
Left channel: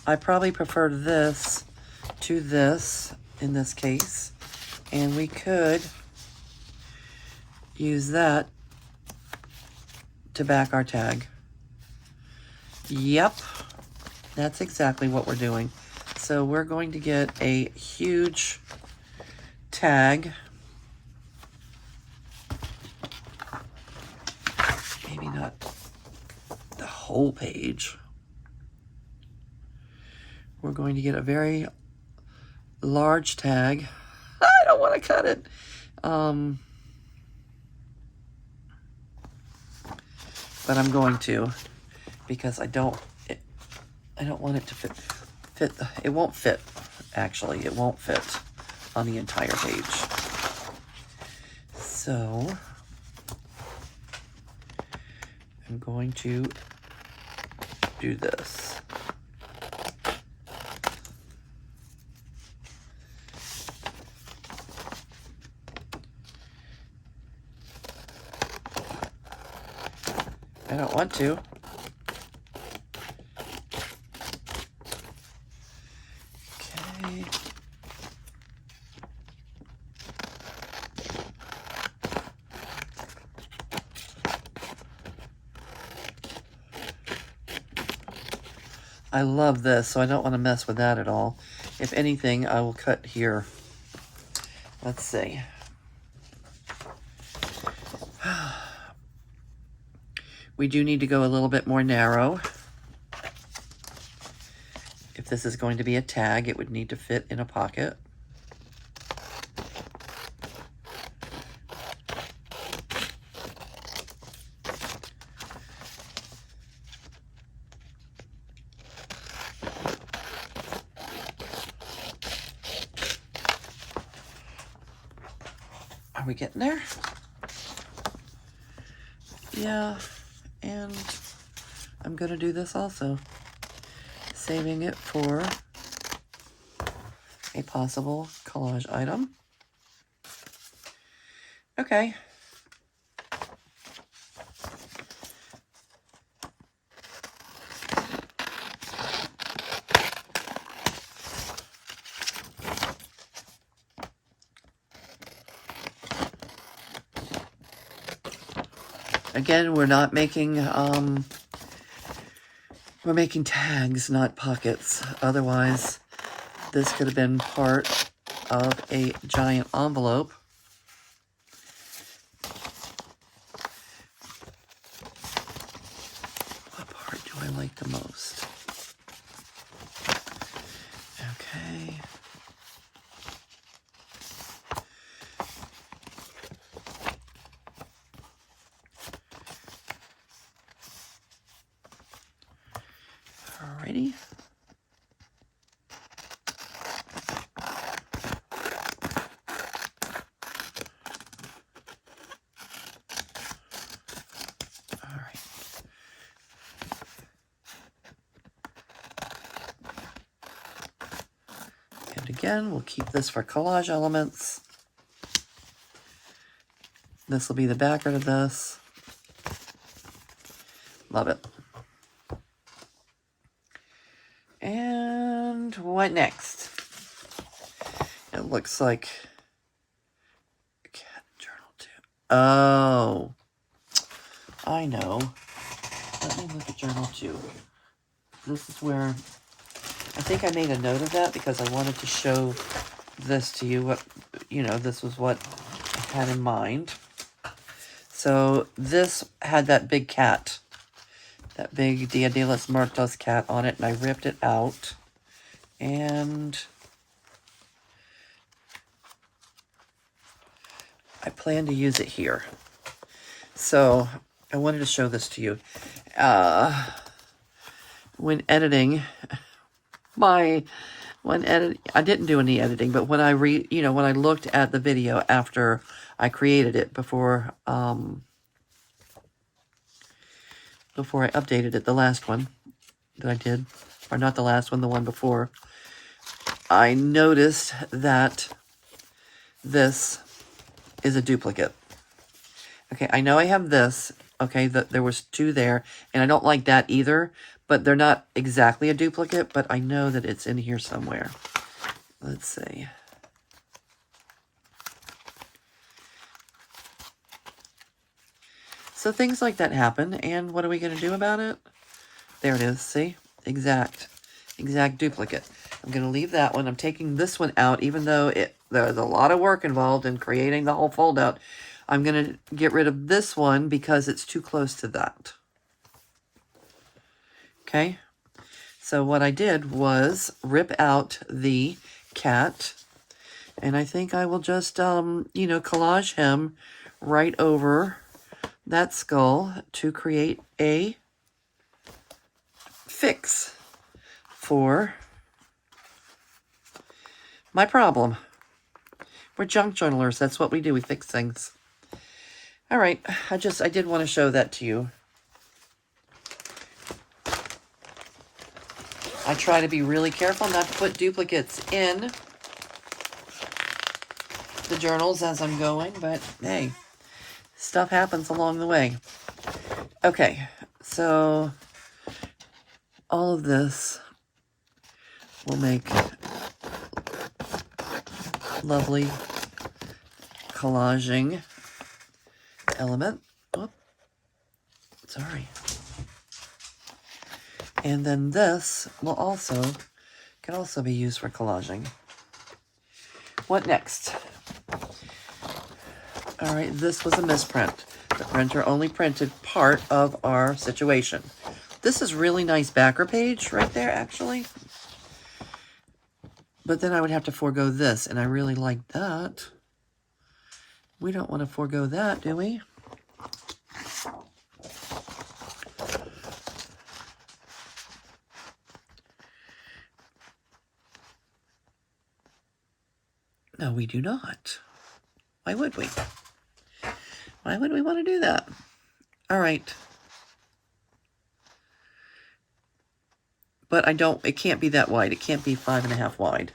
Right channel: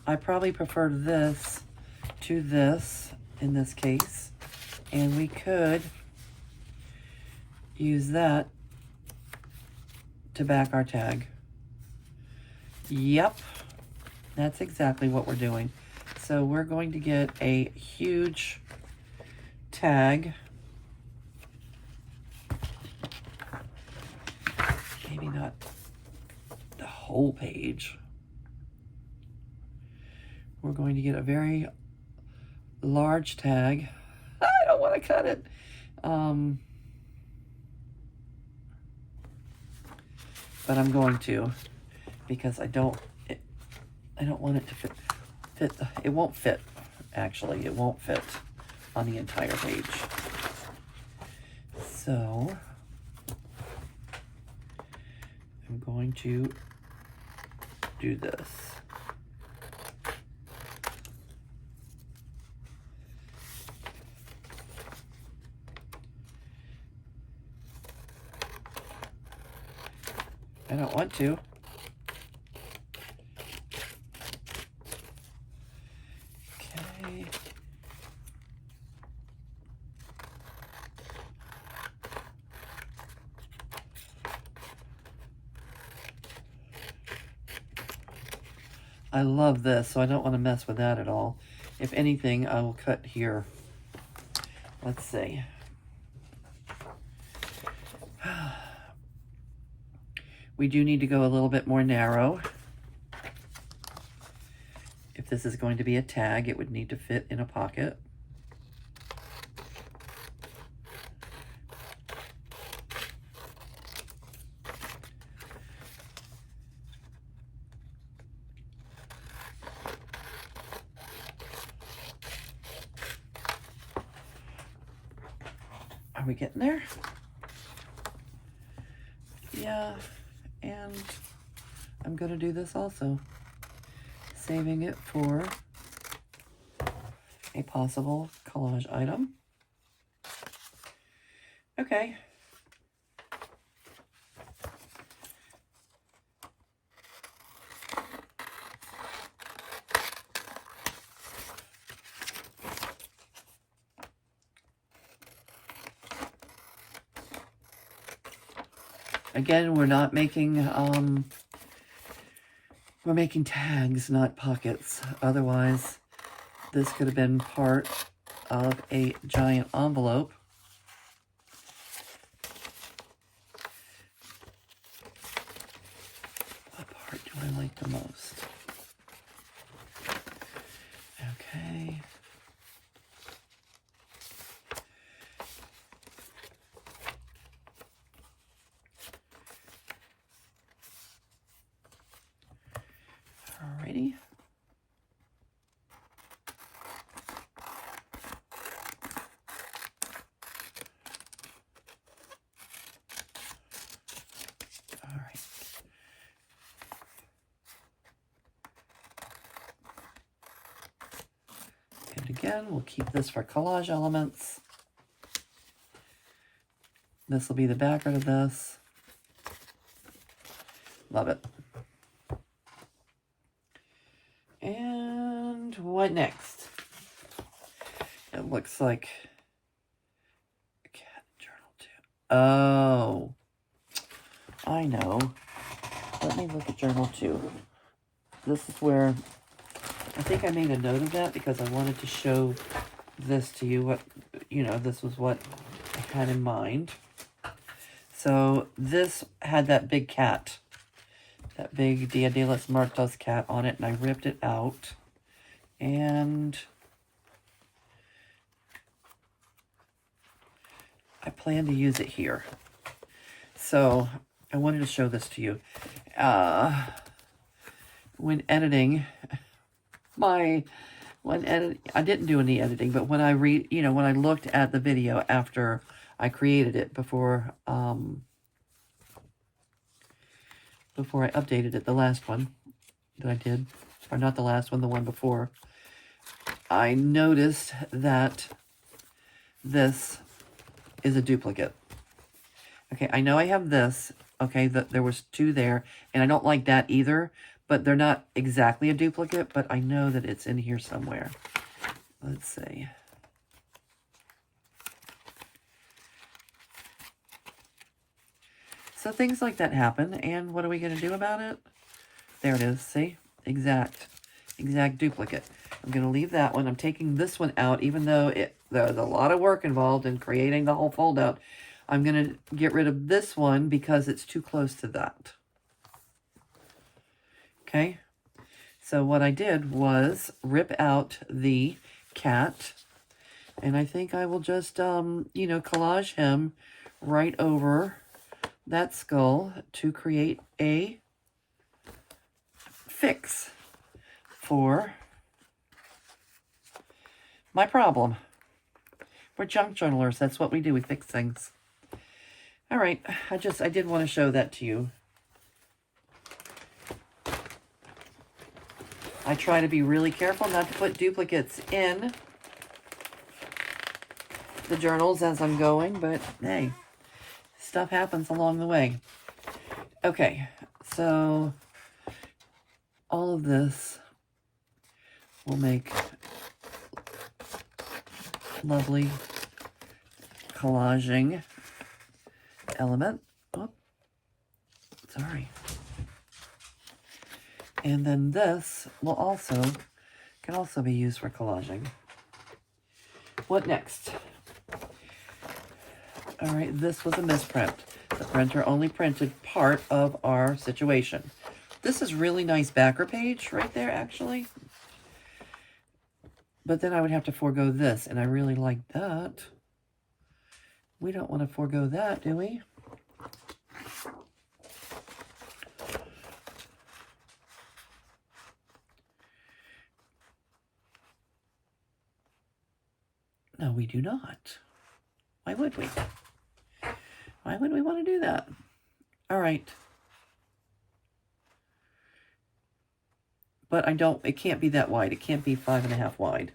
I probably prefer this to this in this case. And we could use that to back our tag. Yep, that's exactly what we're doing. So we're going to get a huge tag. Maybe not the whole page. We're going to get a very large tag. I don't want to cut it. But I'm going to, because I don't want it to fit. It won't fit. Actually, it won't fit on the entire page. So I'm going to do this. I don't want to. Okay. I love this, so I don't want to mess with that at all. If anything, I will cut here. Let's see. We do need to go a little bit more narrow. If this is going to be a tag, it would need to fit in a pocket. Are we getting there? Yeah, and I'm going to do this also. Saving it for a possible collage item. Okay. Again, we're not making, we're making tags, not pockets. Otherwise, this could have been part of a giant envelope. What part do I like the most? Okay. Alrighty. Alright. And again, we'll keep this for collage elements. This will be the background of this. Love it. And what next? It looks like a cat journal too. Oh, I know. Let me look at journal 2. This is where I think I made a note of that because I wanted to show this to you. What, you know, this was what I had in mind. So this had that big cat, that big Dia de los Muertos cat on it, and I ripped it out. And I plan to use it here. So I wanted to show this to you. When editing, I didn't do any editing, but when I when I looked at the video after I created it before I updated it, the last one that I did, or not the last one, the one before, I noticed that this is a duplicate. Okay, I know I have this. Okay, there was 2 there, and I don't like that either, but they're not exactly a duplicate, but I know that it's in here somewhere. Let's see. So things like that happen, and what are we going to do about it? There it is, see? Exact duplicate. I'm going to leave that one. I'm taking this one out, even though there's a lot of work involved in creating the whole fold out. I'm going to get rid of this one because it's too close to that. Okay? So what I did was rip out the cat, and I think I will just, you know, collage him right over that skull to create a fix for my problem. We're junk journalers. That's what we do. We fix things. All right. I did want to show that to you. I try to be really careful not to put duplicates in the journals as I'm going, but hey, stuff happens along the way. Okay, so all of this will make lovely collaging element. Oh, sorry. And then this will can also be used for collaging. What next? All right, this was a misprint. The printer only printed part of our situation. This is really nice backer page right there, actually. But then I would have to forego this, and I really like that. We don't want to forego that, do we? No, we do not. Why would we? Why would we want to do that? All right. But it can't be that wide. It can't be 5.5 wide.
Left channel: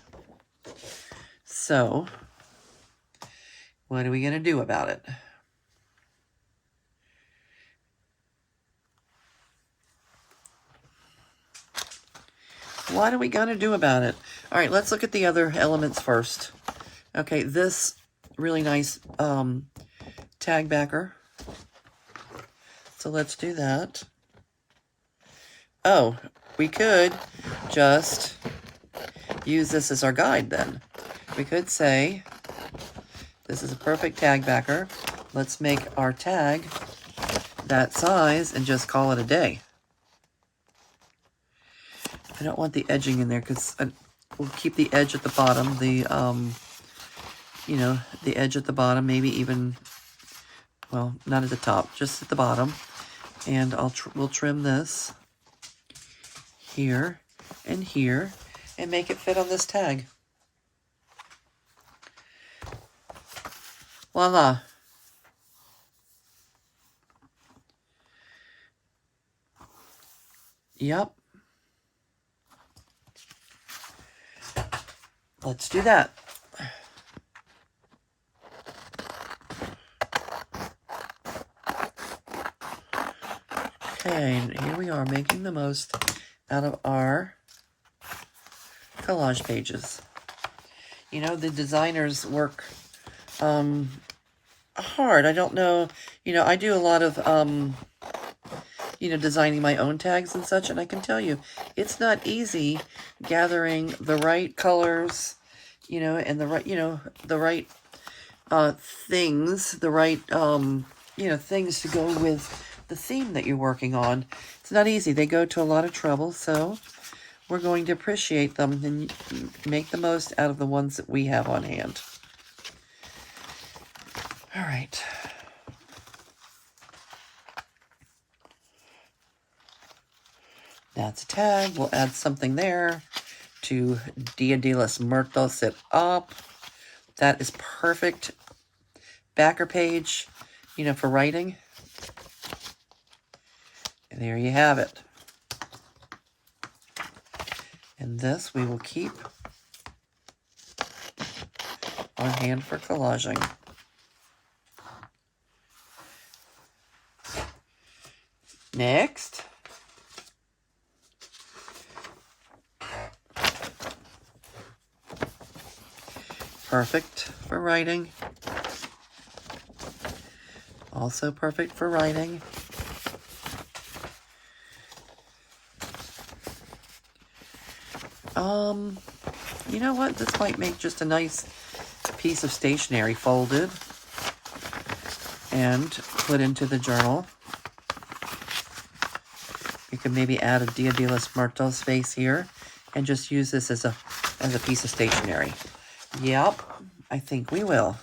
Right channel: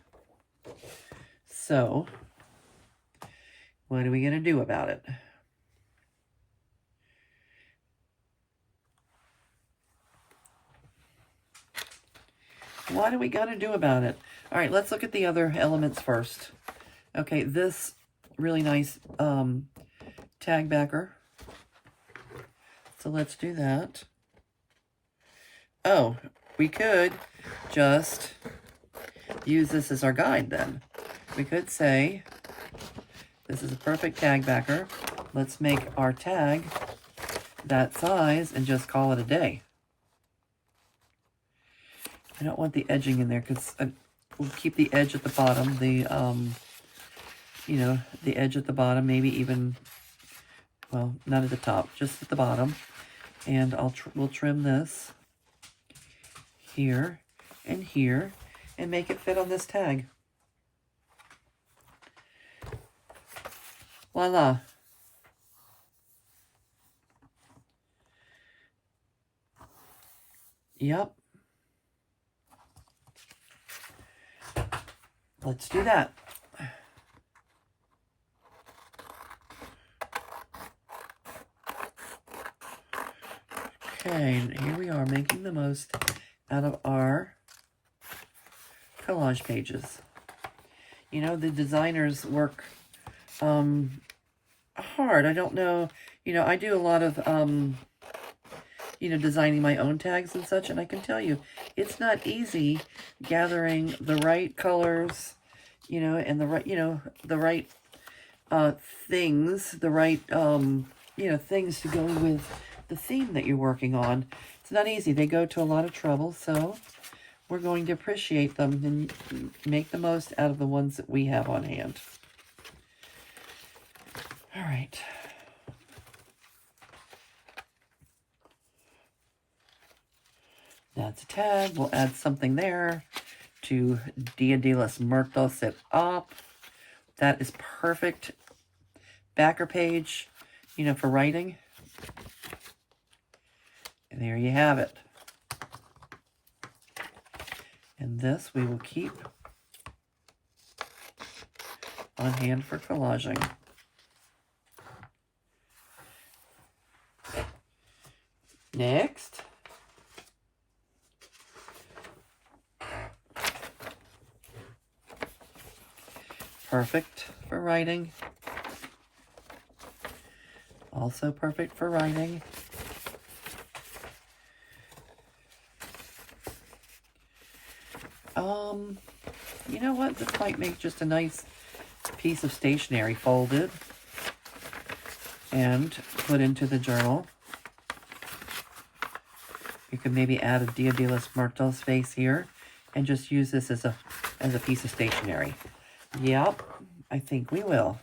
So, what are we going to do about it? What are we going to do about it? All right, let's look at the other elements first. Okay, this really nice tag backer. So let's do that. Oh, we could just use this as our guide then. We could say, this is a perfect tag backer. Let's make our tag that size and just call it a day. I don't want the edging in there because we'll keep the edge at the bottom, you know, the edge at the bottom, maybe even, well, not at the top, just at the bottom. And we'll trim this here and here and make it fit on this tag. Voila. Yep. Let's do that. Okay, here we are making the most out of our collage pages. You know, the designers work hard. I don't know, you know, I do a lot of, you know, designing my own tags and such, and I can tell you, it's not easy gathering the right colors, you know, and the right, you know, the right things, the right, you know, things to go with the theme that you're working on. It's not easy. They go to a lot of trouble, so we're going to appreciate them and make the most out of the ones that we have on hand. All right. That's a tag. We'll add something there to Dia de los Muertos it up. That is perfect backer page, you know, for writing. And there you have it. And this we will keep on hand for collaging. Next. Perfect for writing. Also perfect for writing. You know what? This might make just a nice piece of stationery folded and put into the journal. We can maybe add a Dia de los Muertos face here and just use this as a piece of stationery. Yep, I think we will.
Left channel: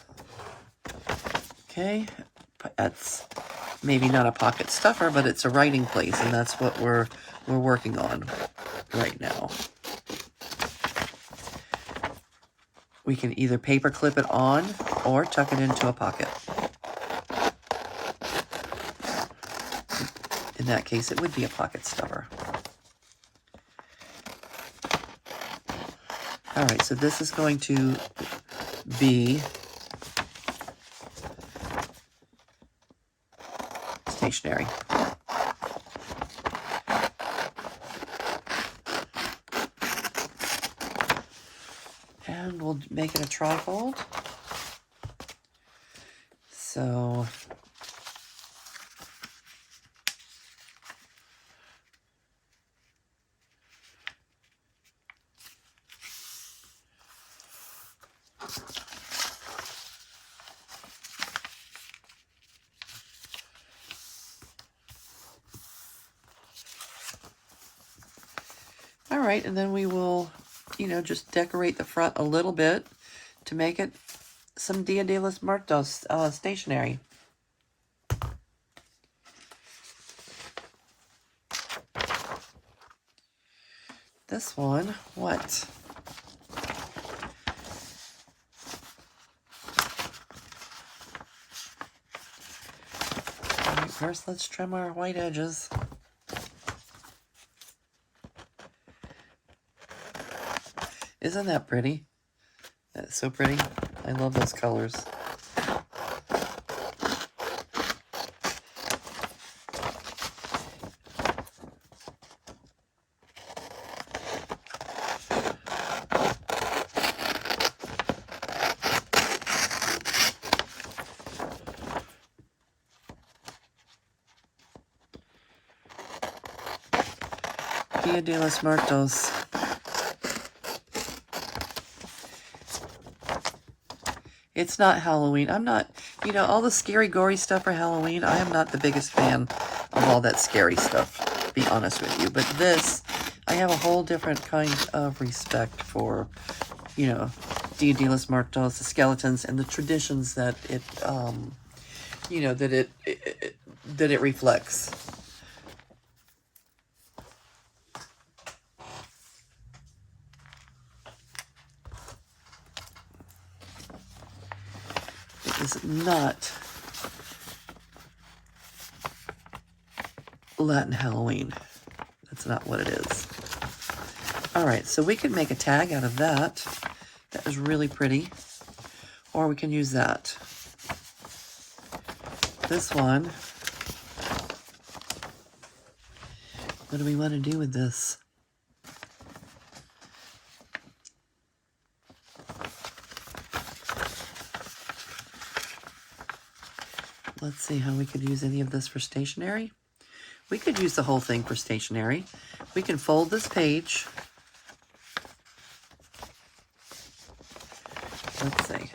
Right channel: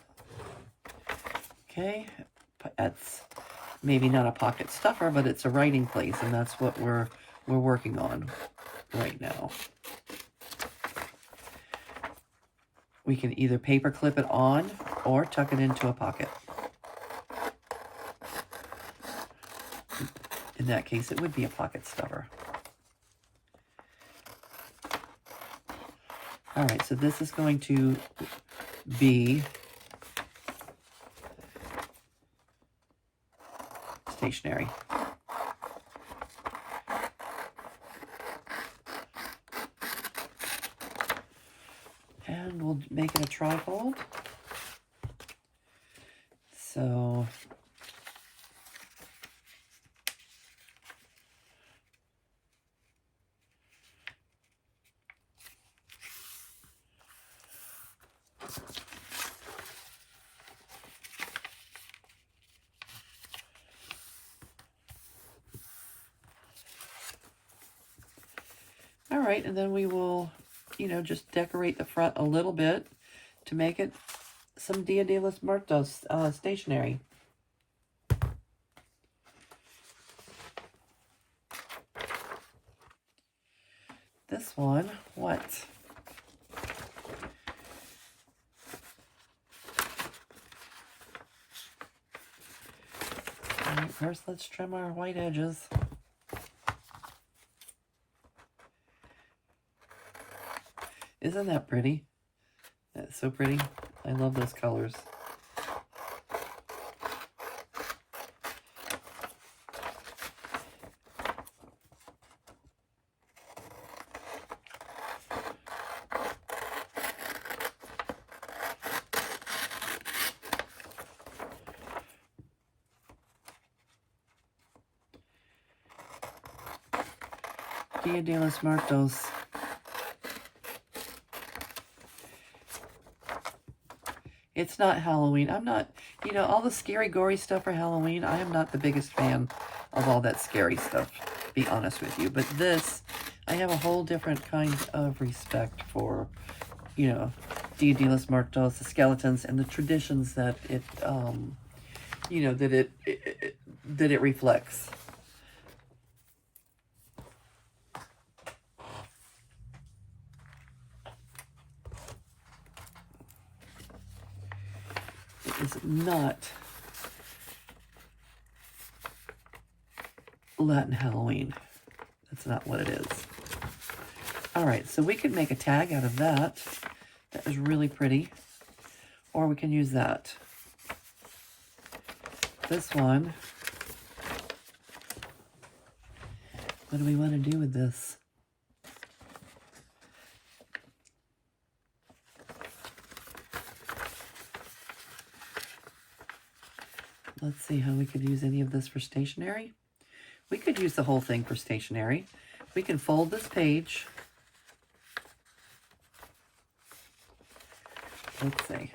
Okay, that's maybe not a pocket stuffer, but it's a writing place, and that's what we're working on right now. We can either paper clip it on or tuck it into a pocket. In that case, it would be a pocket stuffer. All right, so this is going to be stationery. And we'll make it a trifold. So all right, and then we will, you know, just decorate the front a little bit to make it some Dia de los Muertos stationery. This one, what? All right, first, let's trim our white edges. Isn't that pretty? That's so pretty. I love those colors. Dia de los Muertos. It's not Halloween. I'm not, you know, all the scary, gory stuff for Halloween, I am not the biggest fan of all that scary stuff, to be honest with you. But this, I have a whole different kind of respect for, you know, Dia de los Muertos, the skeletons, and the traditions that it, you know, that it reflects. Is not Latin Halloween. That's not what it is. All right, so we can make a tag out of that. That is really pretty. Or we can use that. This one. What do we want to do with this? Let's see how we could use any of this for stationery. We could use the whole thing for stationery. We can fold this page. Let's see.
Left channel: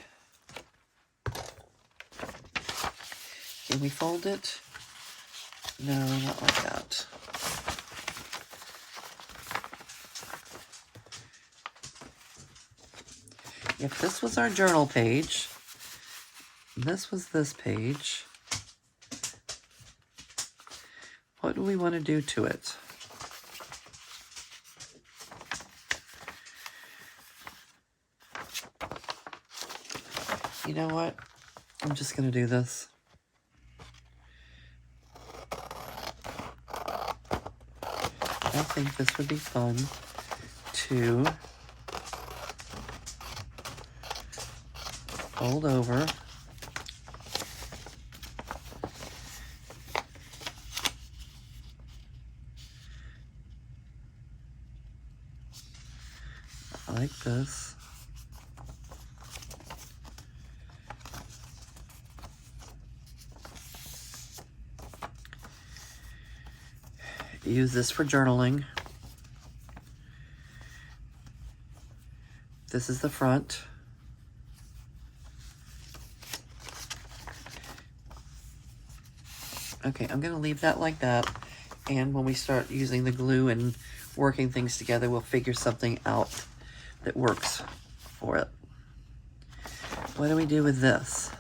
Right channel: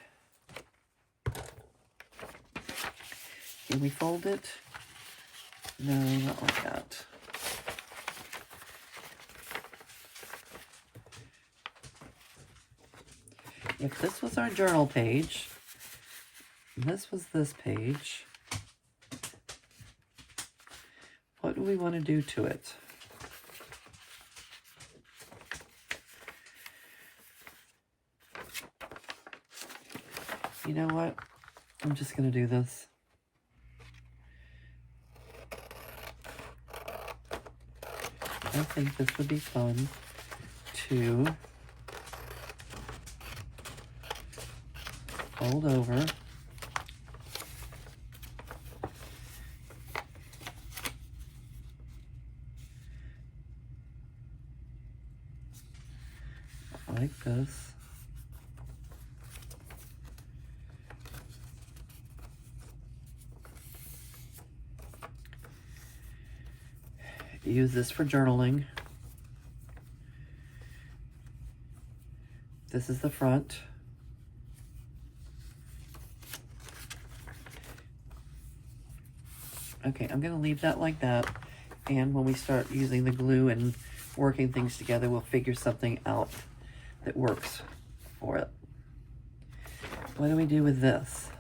Can we fold it? No, not like that. If this was our journal page, this was this page, what do we want to do to it? You know what? I'm just going to do this. I think this would be fun to fold over. Like this. Use this for journaling. This is the front. Okay, I'm going to leave that like that. And when we start using the glue and working things together, we'll figure something out that works for it. What do we do with this?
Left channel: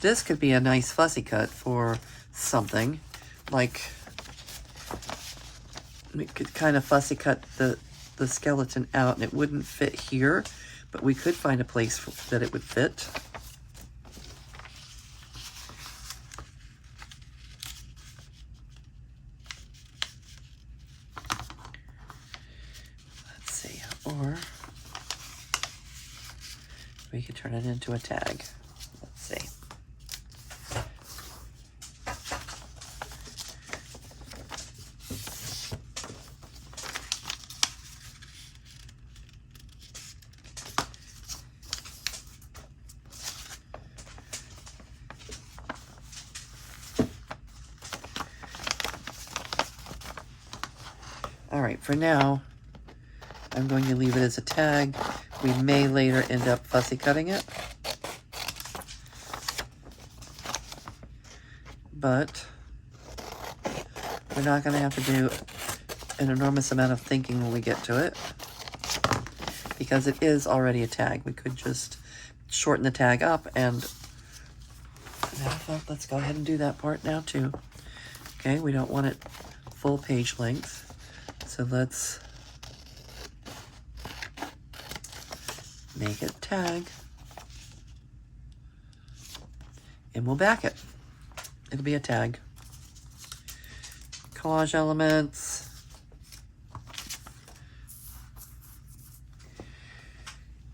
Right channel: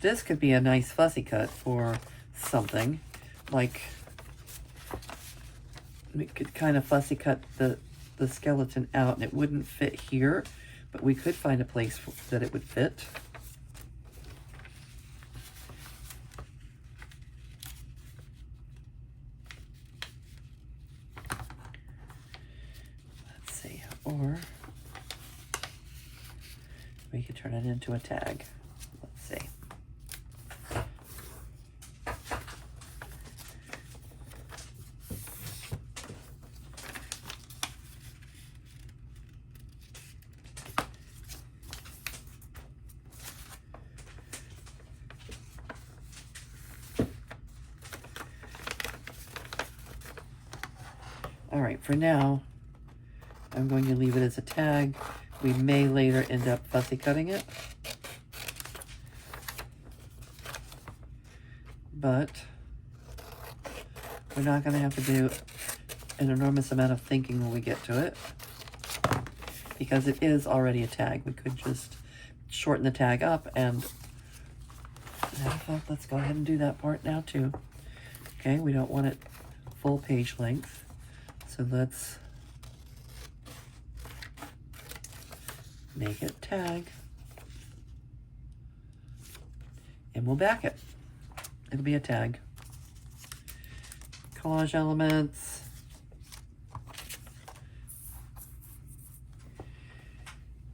This could be a nice fussy cut for something. Like, we could kind of fussy cut the skeleton out, and it wouldn't fit here, but we could find a place that it would fit. Let's see, or we could turn it into a tag. Let's see. All right, for now, I'm going to leave it as a tag. We may later end up fussy cutting it. But we're not going to have to do an enormous amount of thinking when we get to it, because it is already a tag. We could just shorten the tag up, and matter of fact, let's go ahead and do that part now too. Okay, we don't want it full page length. So let's make it tag, and we'll back it. It'll be a tag. Collage elements.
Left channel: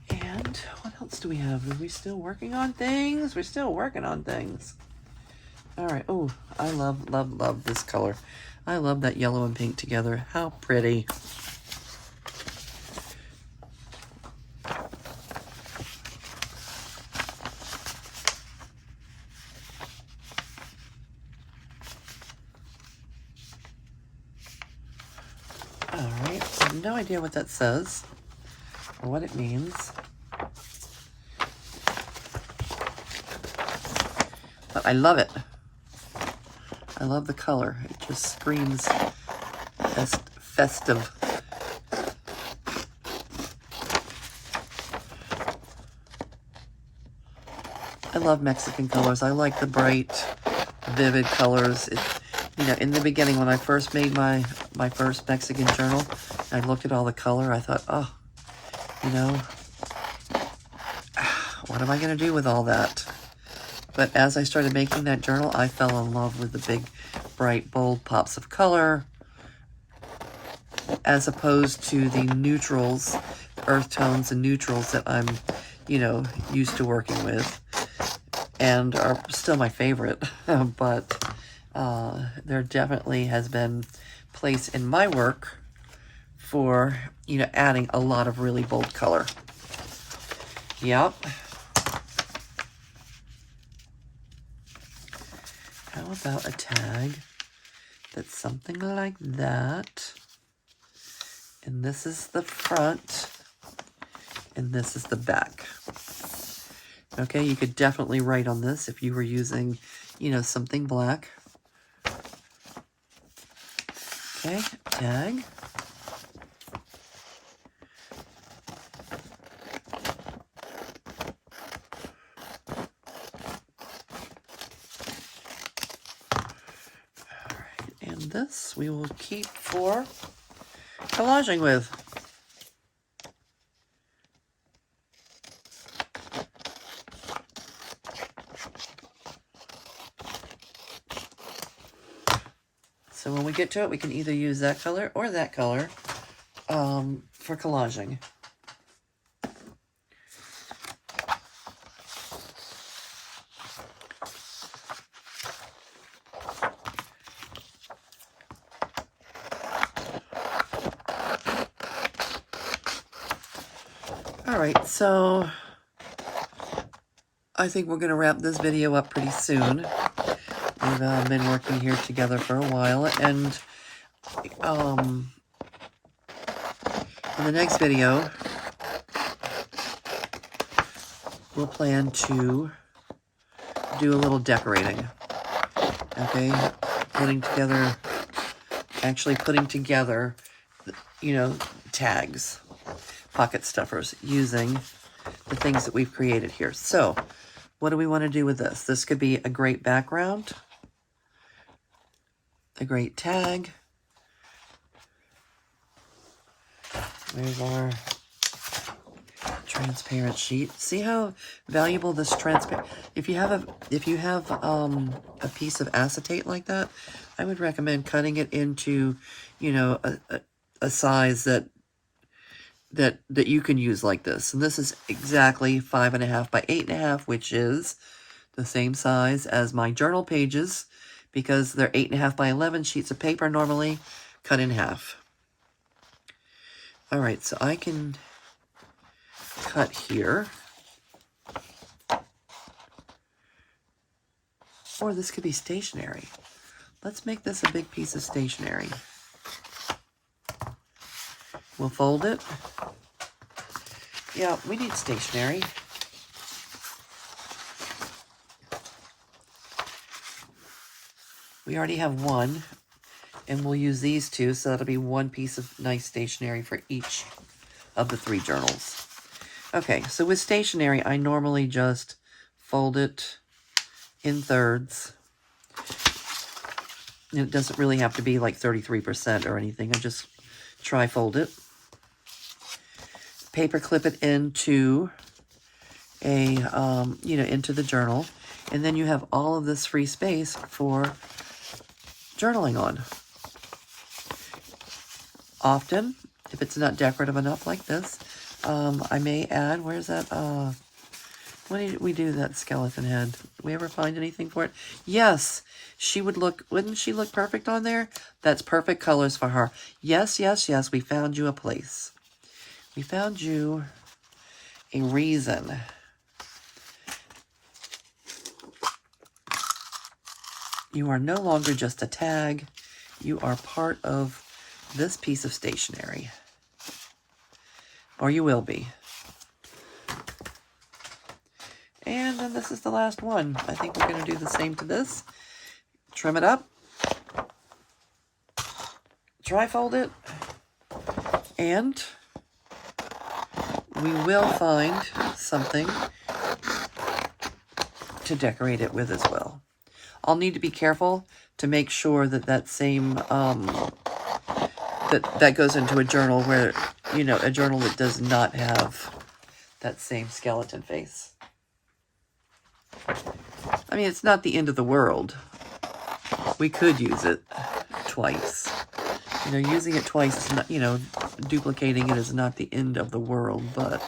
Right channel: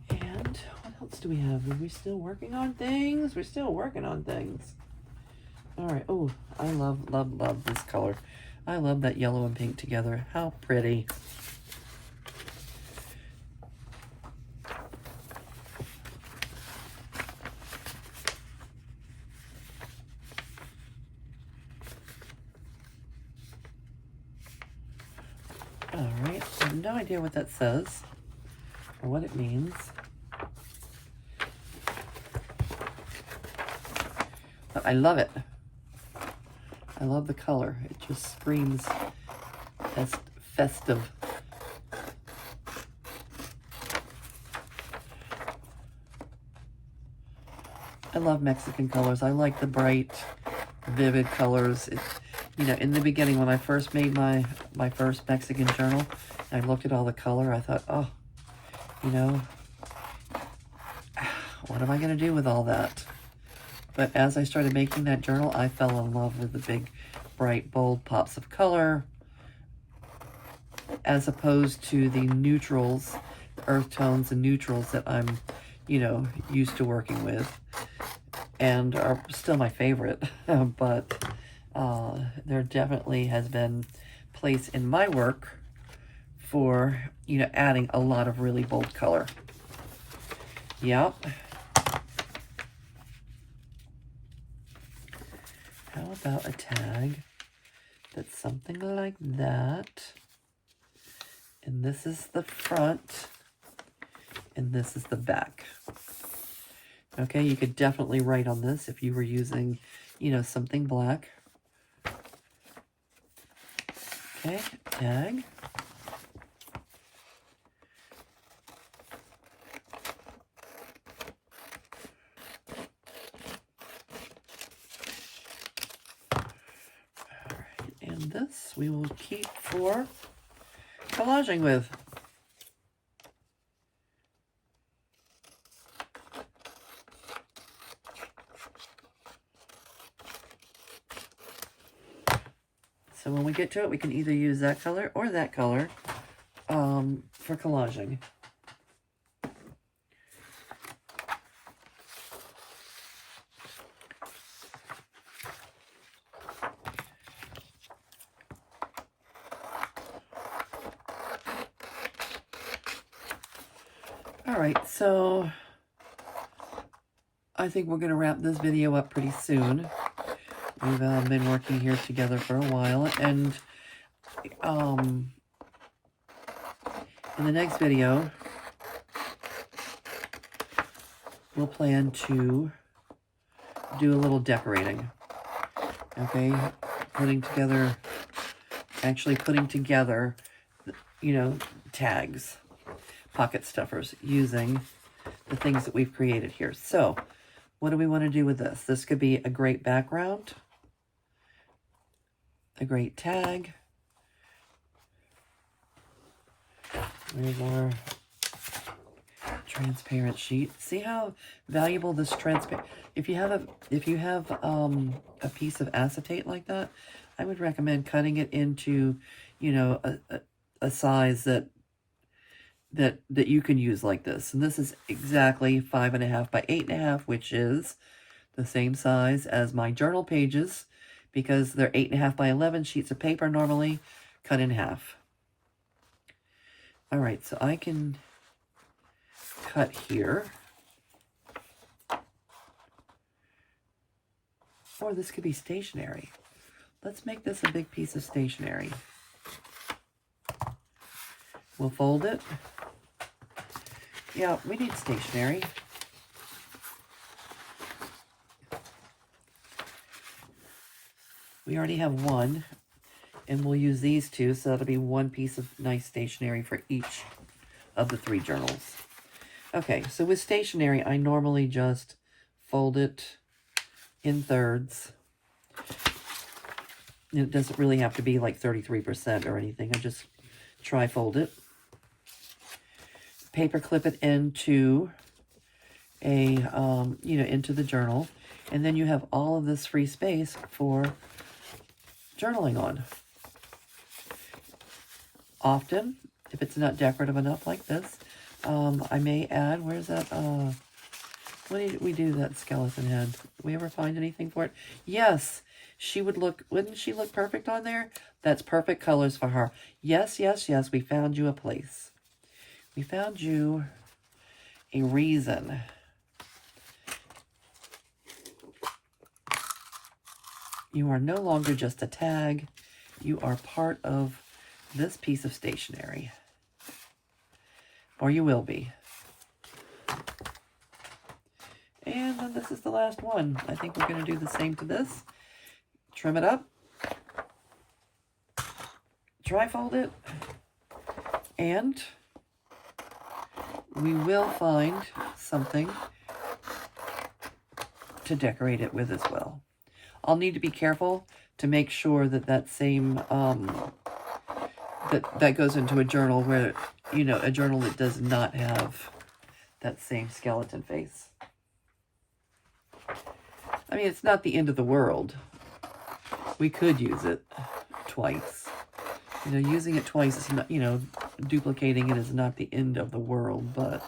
And what else do we have? Are we still working on things? We're still working on things. All right. Oh, I love, love, love this color. I love that yellow and pink together. How pretty. All right, I have no idea what that says or what it means. But I love it. I love the color. It just screams festive. I love Mexican colors. I like the bright, vivid colors. You know, in the beginning, when I first made my first Mexican journal, I looked at all the color. I thought, oh, you know, what am I going to do with all that? But as I started making that journal, I fell in love with the big, bright, bold pops of color, as opposed to the neutrals, earth tones and neutrals that I'm, you know, used to working with, and are still my favorite. But there definitely has been place in my work for, you know, adding a lot of really bold color. Yep. How about a tag that's something like that? And this is the front, and this is the back. Okay, you could definitely write on this if you were using, you know, something black. Okay, tag. This we will keep for collaging with. So when we get to it, we can either use that color or that color for collaging. All right, so I think we're going to wrap this video up pretty soon. We've been working here together for a while, and in the next video, we'll plan to do a little decorating. Okay, actually putting together, you know, tags, pocket stuffers, using the things that we've created here. So, what do we want to do with this? This could be a great background, a great tag. There's our transparent sheet. See how valuable this transparent. If you have a piece of acetate like that, I would recommend cutting it into, you know, a size that you can use like this. And this is exactly 5.5 by 8.5, which is the same size as my journal pages, because they're 8.5 by 11 sheets of paper normally, cut in half. All right, so I can cut here. Or this could be stationery. Let's make this a big piece of stationery. We'll fold it. Yeah, we need stationery. We already have one, and we'll use these two, so that'll be one piece of nice stationery for each of the 3 journals. Okay, so with stationery, I normally just fold it in thirds. It doesn't really have to be like 33% or anything. I just tri-fold it. Paper clip it into a, you know, into the journal. And then you have all of this free space for journaling on. Often, if it's not decorative enough like this, I may add, where's that, when did we do that skeleton head? Did we ever find anything for it? Yes, wouldn't she look perfect on there? That's perfect colors for her. Yes, yes, yes, we found you a place. We found you a reason. You are no longer just a tag. You are part of this piece of stationery. Or you will be. And then this is the last one. I think we're going to do the same to this. Trim it up. Tri-fold it. And we will find something to decorate it with as well. I'll need to be careful to make sure that that same, that goes into a journal where, you know, a journal that does not have that same skeleton face. I mean, it's not the end of the world. We could use it twice. You know, using it twice is not, you know, duplicating it is not the end of the world, but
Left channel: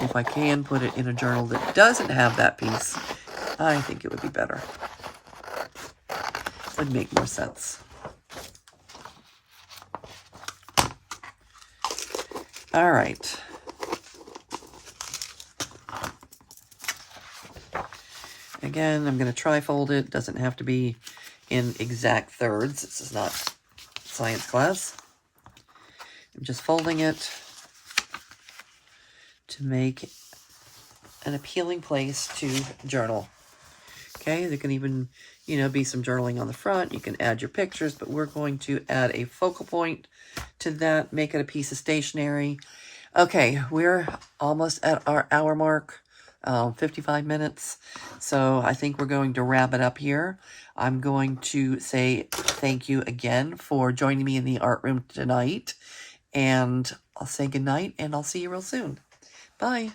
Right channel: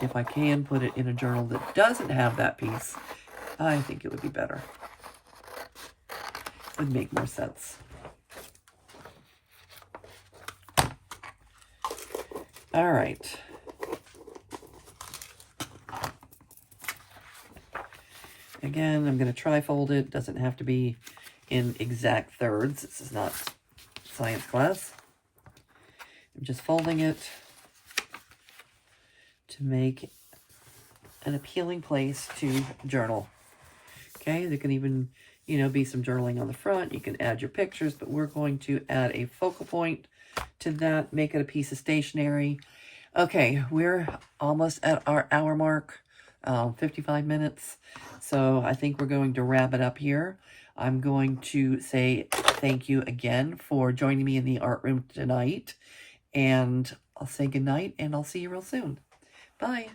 if I can put it in a journal that doesn't have that piece, I think it would be better. It would make more sense. All right. Again, I'm going to tri-fold it. Doesn't have to be in exact thirds. This is not science class. I'm just folding it to make an appealing place to journal. Okay, there can even, you know, be some journaling on the front. You can add your pictures, but we're going to add a focal point to that, make it a piece of stationery. Okay, we're almost at our hour mark, 55 minutes. So I think we're going to wrap it up here. I'm going to say thank you again for joining me in the art room tonight. And I'll say goodnight, and I'll see you real soon. Bye.